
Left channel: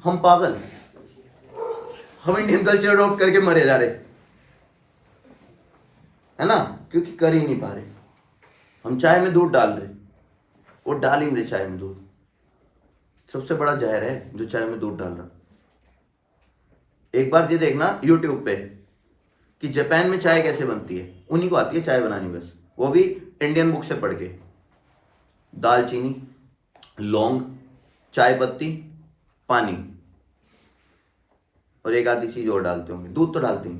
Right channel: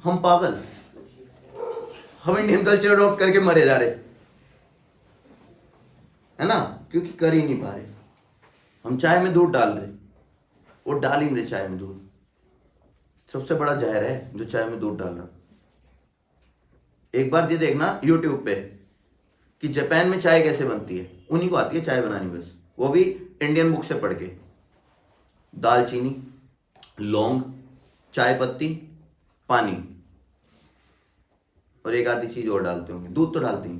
हम पागल, हम इंडियन कल्चर अडॉप्ट करके मरे जा रहे, है ना, क्योंकि कर ही नहीं पा रहे। हम चाय में दूध डाल रहे, वो डाल ही नहीं रहे चाय में दूध। सबसे बड़ा जहर है जो चाय में दूध डाल रहा। एक बार ये देखना यूट्यूब पे कि जापान में चाय कैसे बनती है, उन्हीं को आती है चाय बनानी बस, वो भी इंडियन बुक से पढ़ के। दालचीनी, लौंग, चाय पत्ती, पानी और एक आधी चीज और डालते होंगे, दूध तो डालते नहीं,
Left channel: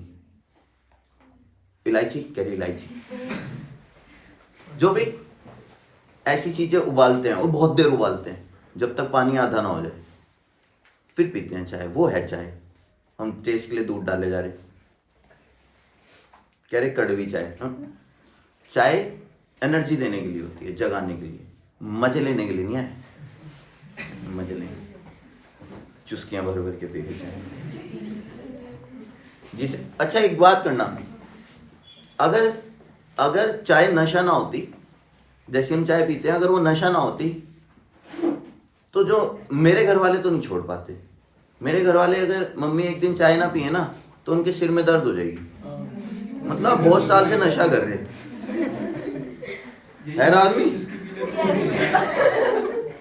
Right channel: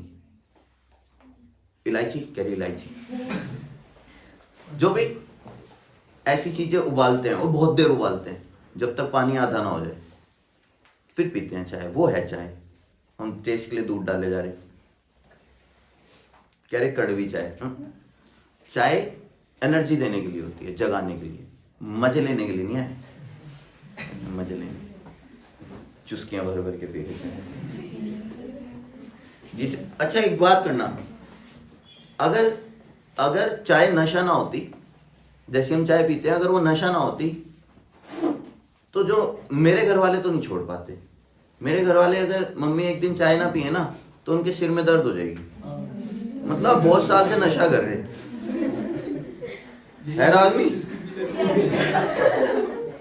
इलायची, क्या इलायची, जो भी ऐसी चीजें उबालते हैं और बहुत देर उबालते हैं जब तक पानी आधा ना हो जाए, फिर पीते हैं चाय। वो है चाय। हम टेस्ट के लिए दूध डाले जा रहे, कह रहे कड़वी चाय। चाय एनर्जी देने के लिए होती है, जगाने के लिए, मजे लेने के लिए नहीं है। मजे लेंगे, चुस्कियां भर भर के पी के चाय। जिसे अच्छा एक बात करना, अगर चाय नशा ना होती, जैसे हम चाय पीते हैं, अगर वो नशा ना होती तो जो मेरे घर वाले तो नहीं छोड़ पाते। मेरे घर वाले अगर मम्मी एक दिन चाय ना पिए ना तो उनके सिर में दर्द हो जाएगी। मतलब बहुत साल से नशा कर रहे है ना आदमी,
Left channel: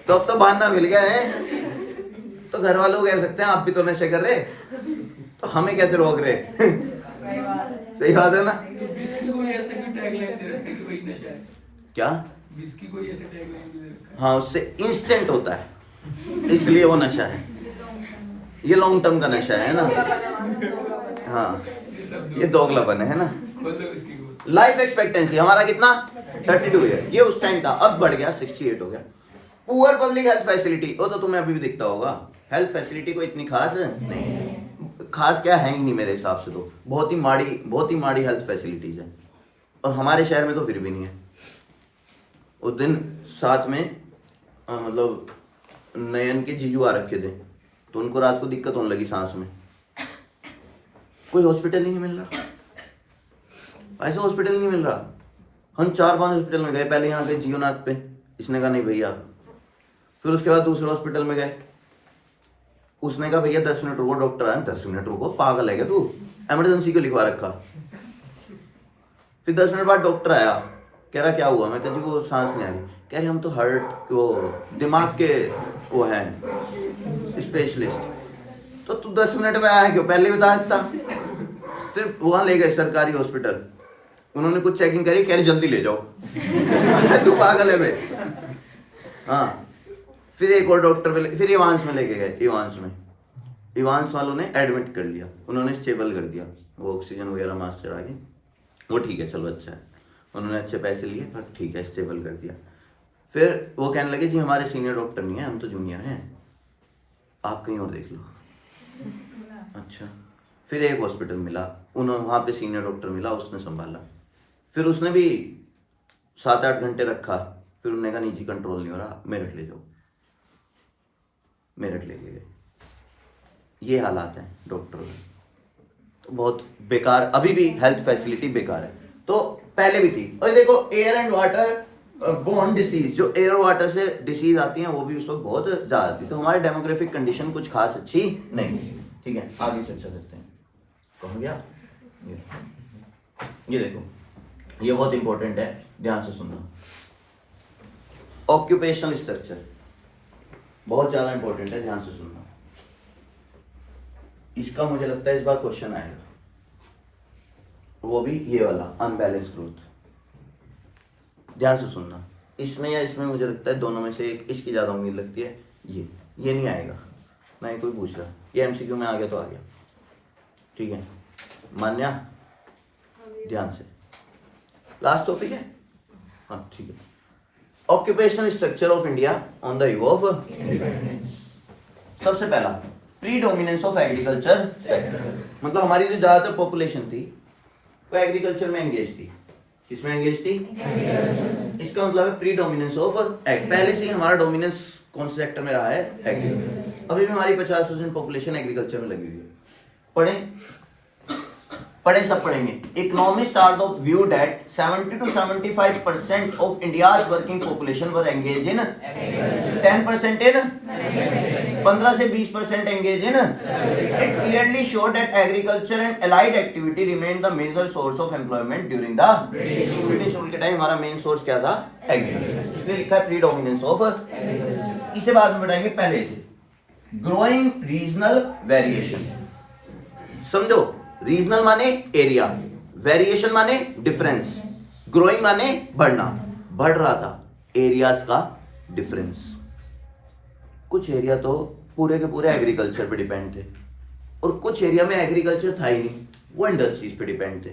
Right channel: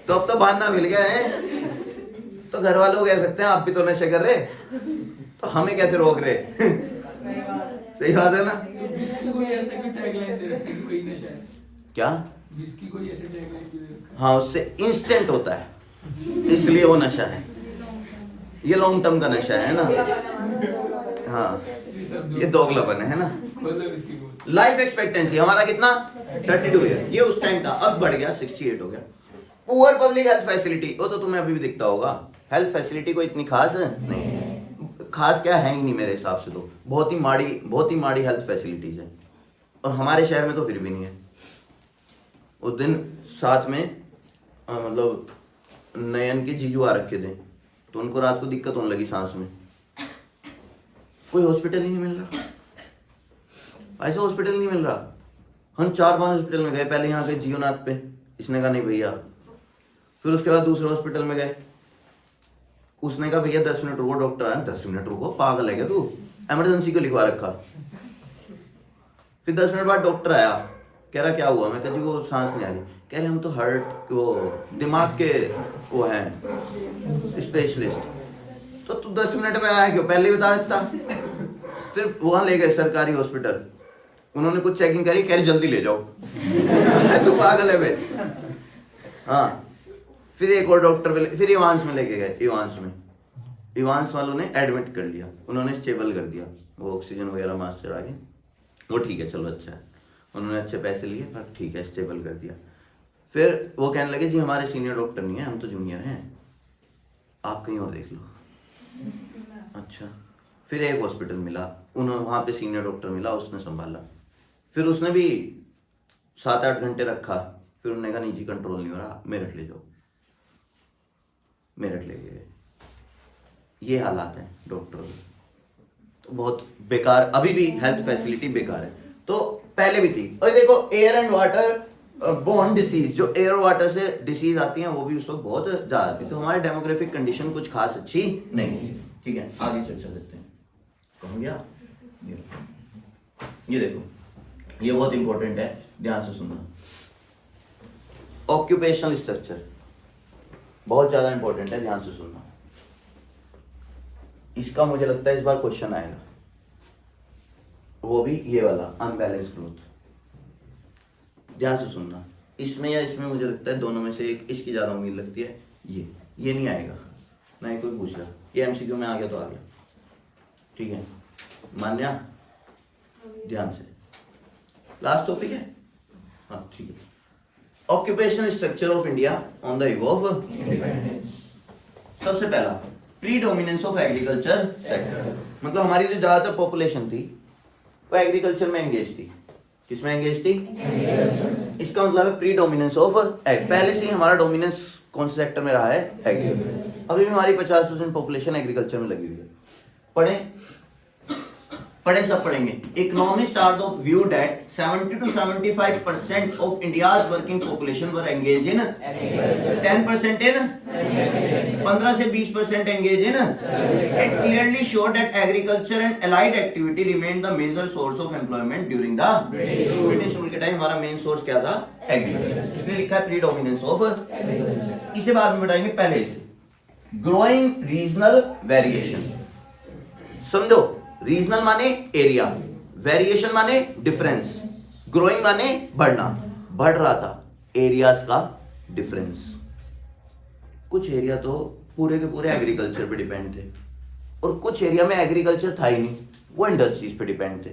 तो अब तो बहाना मिल गया है। तो घर वालों को कह सकते हैं आप भी तो नशे कर रहे, तो हमें कैसे रोक रहे। सही बात है ना। क्या विस्की कोई ऐसे टैगलाइन भी दे रखा है। हाँ, उससे इंस्टेंट होता है, इसलिए वो नशा है। ये लॉन्ग टर्म का नशा है ना। हाँ, ये दोगलापन है ना। लाइफ एक्सपेक्टेंसी हमारा कितना, 32 ईयर। ये उस टाइम था, अब बढ़ गया 68 हो गया। पुअर पब्लिक हेल्थ फैसिलिटी, वो तो तुम्हें अभी भी दिखता होगा। हेल्थ फैसिलिटी कोई इतनी खास नहीं, खास क्या है ही नहीं मेरे हिसाब से। तो बहुत ही माड़ी हेल्थ फैसिलिटीज है, और हमारे शहर में तो फिर भी नहीं है। उस दिन साथ में मतलब नयन के जीजू आ रखे थे, तो उनको रात को दिक्कत होने लगी सांस में। कोई हॉस्पिटल ही नहीं मिल रहा, ऐसा हॉस्पिटल नहीं मिल रहा। हम 4-5 हॉस्पिटल में गए, पहले यहाँ गए जियोनाथ पे, इसने कहा नहीं भैया। फिर उसके बाद दूसरे हॉस्पिटल में गए, उसने कहा भैया 10 मिनट रुको, डॉक्टर आए। 10 मिनट रुको, पागल है क्या तू, इमरजेंसी को लिखवा रखा। फिर 10 मिनट बाद डॉक्टर आया, कह रहा क्या हुआ। मैं कहा जी वो सांस नहीं आ रही। कह रहे हम तो हार्ट वो दिमाग के वो हैं स्पेशलिस्ट। तो तू 10 मिनट में आया क्यों, पहले बता देता। फिर वहाँ ले गए सरकारी हॉस्पिटल, उन्होंने कुछ चेकिंग करी, कह रही जल्दी ले जाओ। तू पागल है बे। हाँ, फिर एक और डॉक्टर पे, फिर इवांस में लेके गए। इवांस वालों ने एडमिट कर लिया, उन्होंने स्टेबल कर दिया, वो ऑक्सीजन वगैरह मास्क चढ़ा के। वो ठीक है, चलो अच्छा है, उन्होंने अच्छे पैसे लिए, पर ठीक है स्टेबल कर दिया। फिर वो कहने लगे जी हमारे सीनियर डॉक्टर नहीं है, हम तो जूनियर हैं, आप कहीं और देख लो। अच्छा, फिर एक हॉस्पिटल मिला, उन्होंने वहाँ पे सीनियर डॉक्टर मिला, उसने संभाला। फिर उसने भी 7-8 घंटे रखा, फिर उन्होंने कहा नहीं जी कंट्रोल नहीं हो रहा, मेरठ ले जाओ। मेरठ लेके गए। ये हालात हैं डॉक्टरों के। तो बहुत बेकार, अभी भी हेल्थ फैसिलिटी बेकार है। तो पहले भी थी। और देखो air and water borne disease, जो एयर वाटर से डिसीज आती हैं वो भी उस वक्त बहुत ज़्यादा थी। तो हमारी डेमोग्राफिक कंडीशन कुछ खास अच्छी नहीं थी। ठीक है, आगे चर्चा करते हैं। कौन गया? ये देखो, ये बहुत इंपॉर्टेंट है, ध्यान से सुनना। ऑक्यूपेशनल स्ट्रक्चर बहुत ज़्यादा इंपॉर्टेंट है, ध्यान से सुनना। इसका मुझे लगता है इस बार क्वेश्चन आएगा, वो भी ये वाला अनबैलेंस ग्रोथ। ध्यान से सुनना, इसमें या इसमें मुझे लगता है दोनों में से एक, इसकी ज़्यादा उम्मीद लगती है। ये नहीं आएगा ना, ये कोई पूछ रहा, ये एमसीक्यू में आ गया तो आ गया। ठीक है, मान्या ध्यान से, लास्ट टॉपिक है। हाँ ठीक है, occupational structure of India on the eve of independence. सबसे पहला प्रीडोमिनेंस ऑफ एग्रीकल्चर सेक्टर, मतलब हमारी जो ज़्यादातर पॉपुलेशन थी वो एग्रीकल्चर में एंगेज थी। किसमें एंगेज थी? इसका मतलब है प्रीडोमिनेंस ऑफ एग। पहले से ही हमारा डोमिनेंस कौन से सेक्टर में रहा है? एग्रीकल्चर। अभी भी हमारी 50% पॉपुलेशन एग्रीकल्चर में लगी हुई है। पढ़ें पढ़े सब पढ़ेंगे. Economists are of view that 70 to 75% of India's working population were engaged in 10% in 15 से 20% engaged in. It clearly showed that agriculture and allied activity remained the major source of employment during the British rule के time. हमारा main source क्या था? Agriculture. इसलिए लिखा है predominance of. इसे बाद में बताएंगे. पहले से ग्रोइंग रीजनल वेरिएशन समझो. रीजनल माने एरिया, वेरिएशन माने डिफरेंस, ग्रोइंग माने बढ़ना. बढ़ रहा था एरियाज का डिफरेंस. कुछ एरिया तो पूरे के पूरे एग्रीकल्चर पे डिपेंड थे और कुछ एरिया में एग्रीकल्चर था ही नहीं, वो इंडस्ट्रीज पे डिपेंड थे.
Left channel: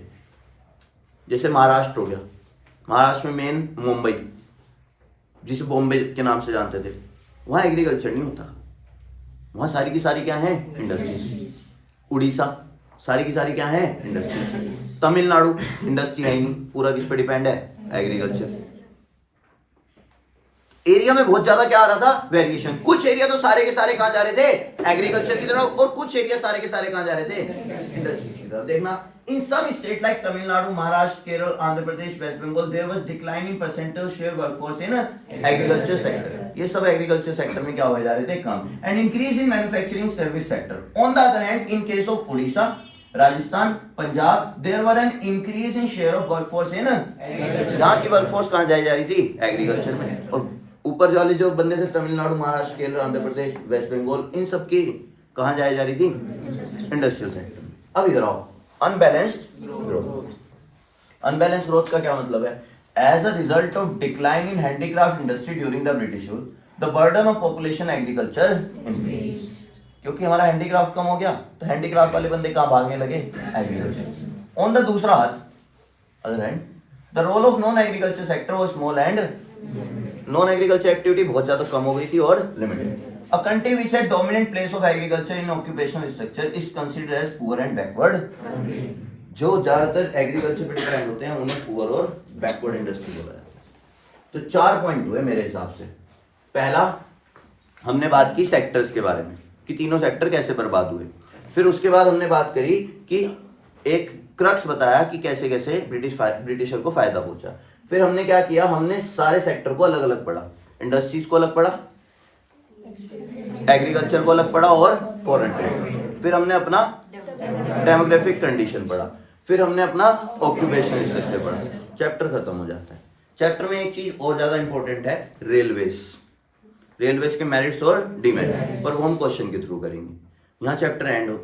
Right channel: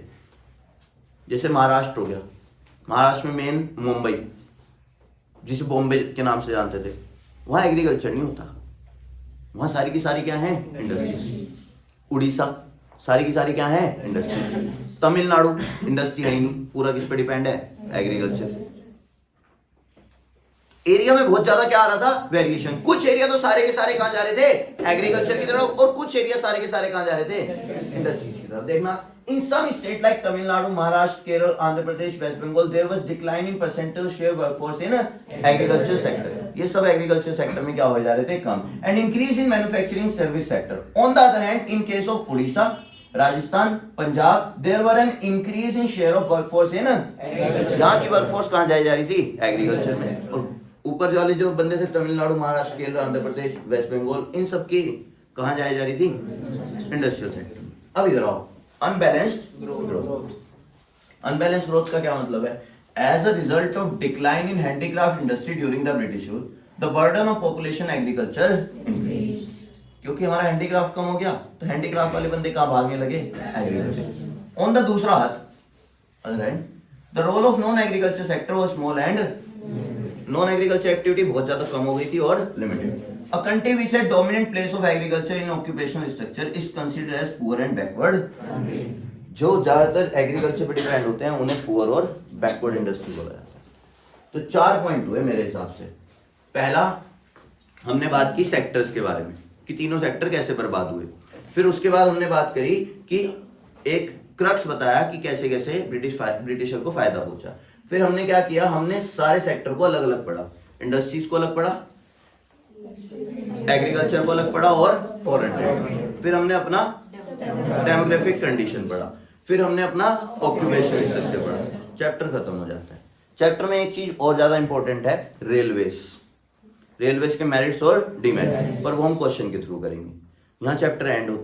जैसे महाराष्ट्र हो गया. महाराष्ट्र में मेन मुंबई, जिसे बॉम्बे के नाम से जानते थे, वहाँ एग्रीकल्चर नहीं होता. वहाँ सारी की सारी क्या है? इंडस्ट्रीज. उड़ीसा सारी की सारी क्या है? इंडस्ट्रीज. तमिलनाडु इंडस्ट्री है ही नहीं, पूरा किस पे डिपेंड है? एग्रीकल्चर. एरिया में बहुत ज्यादा क्या आ रहा था? वेरिएशन. कुछ एरिया तो सारे के सारे कहां जा रहे थे? एग्रीकल्चर की तरफ, और कुछ एरिया सारे के सारे कहां जा रहे थे? इंडस्ट्री की तरफ. देखना, in some state like Tamil Nadu, Maharashtra, Kerala, Andhra Pradesh, West Bengal, there was declining percentage share workforce in agriculture sector. ये सब एग्रीकल्चर सेक्टर में क्या हो जा रहे थे? कम. And increase in manufacturing service sector. On the other hand, in case of Orissa, Rajasthan, Punjab, there were an increase in share of workforce in. यहाँ की वर्कफोर्स कहां जाई जा रही थी? एग्रीकल्चर में. और ऊपर वाले जो बंदे थे, तमिलनाडु, महाराष्ट्र, केरल, आंध्र प्रदेश, वेस्ट बंगाल, इन सब की कहां जाई जा रही थी? इंडस्ट्रियल सेक्टर में. अब इधर आओ. Unbalanced growth. अनबैलेंस्ड ग्रोथ का क्या मतलब है? As a result of decline in handicraft industry during the British rule, the burden of population agriculture increase. क्योंकि हमारा हैंडीक्राफ्ट कम हो गया तो हैंडीक्राफ्ट वाले बंदे कहां भागने लगे? एग्रीकल्चर. ऑन द दूसरा हाथ, other hand, the role of non agriculture sector was small and non agriculture activity बहुत ज्यादा कम हो गई थी और limited. A country which had dominant place of agriculture in occupational structure is considered as poor and backward. जो ज्यादातर agriculture पर डिपेंड होते हैं उन्हें पुअर और बैकवर्ड इंडस्ट्री बोला जाता है. तो 4 पॉइंट हुए मेरे हिसाब से. पहला, हमने बात की सेक्टर्स के बारे में कि तीनों सेक्टर कैसे बर्बाद हुए. फिर उसके बाद हमने बात करी कि एक क्रक्स बताया कि कैसे कैसे ब्रिटिशर को फायदा पहुंचा. फिर हमने क्या किया? हमने सारे सेक्टर को अलग अलग पढ़ा. इंडस्ट्रीज को अलग पढ़ा, एग्रीकल्चर को अलग पढ़ा और फॉरेन ट्रेड. फिर हमने अपना डेमोग्राफिक कंडीशन पढ़ा. फिर हमने अपना ऑक्यूपेशन स्ट्रक्चर पढ़ा. चैप्टर खत्म हो जाता है. चैप्टर में एक चीज और ज्यादा इंपॉर्टेंट है, रेलवेज. रेलवेज के मेरिट्स और डिमेरिट्स, पर वो हम क्वेश्चन के थ्रू करेंगे. यहाँ चैप्टर एंड होता है.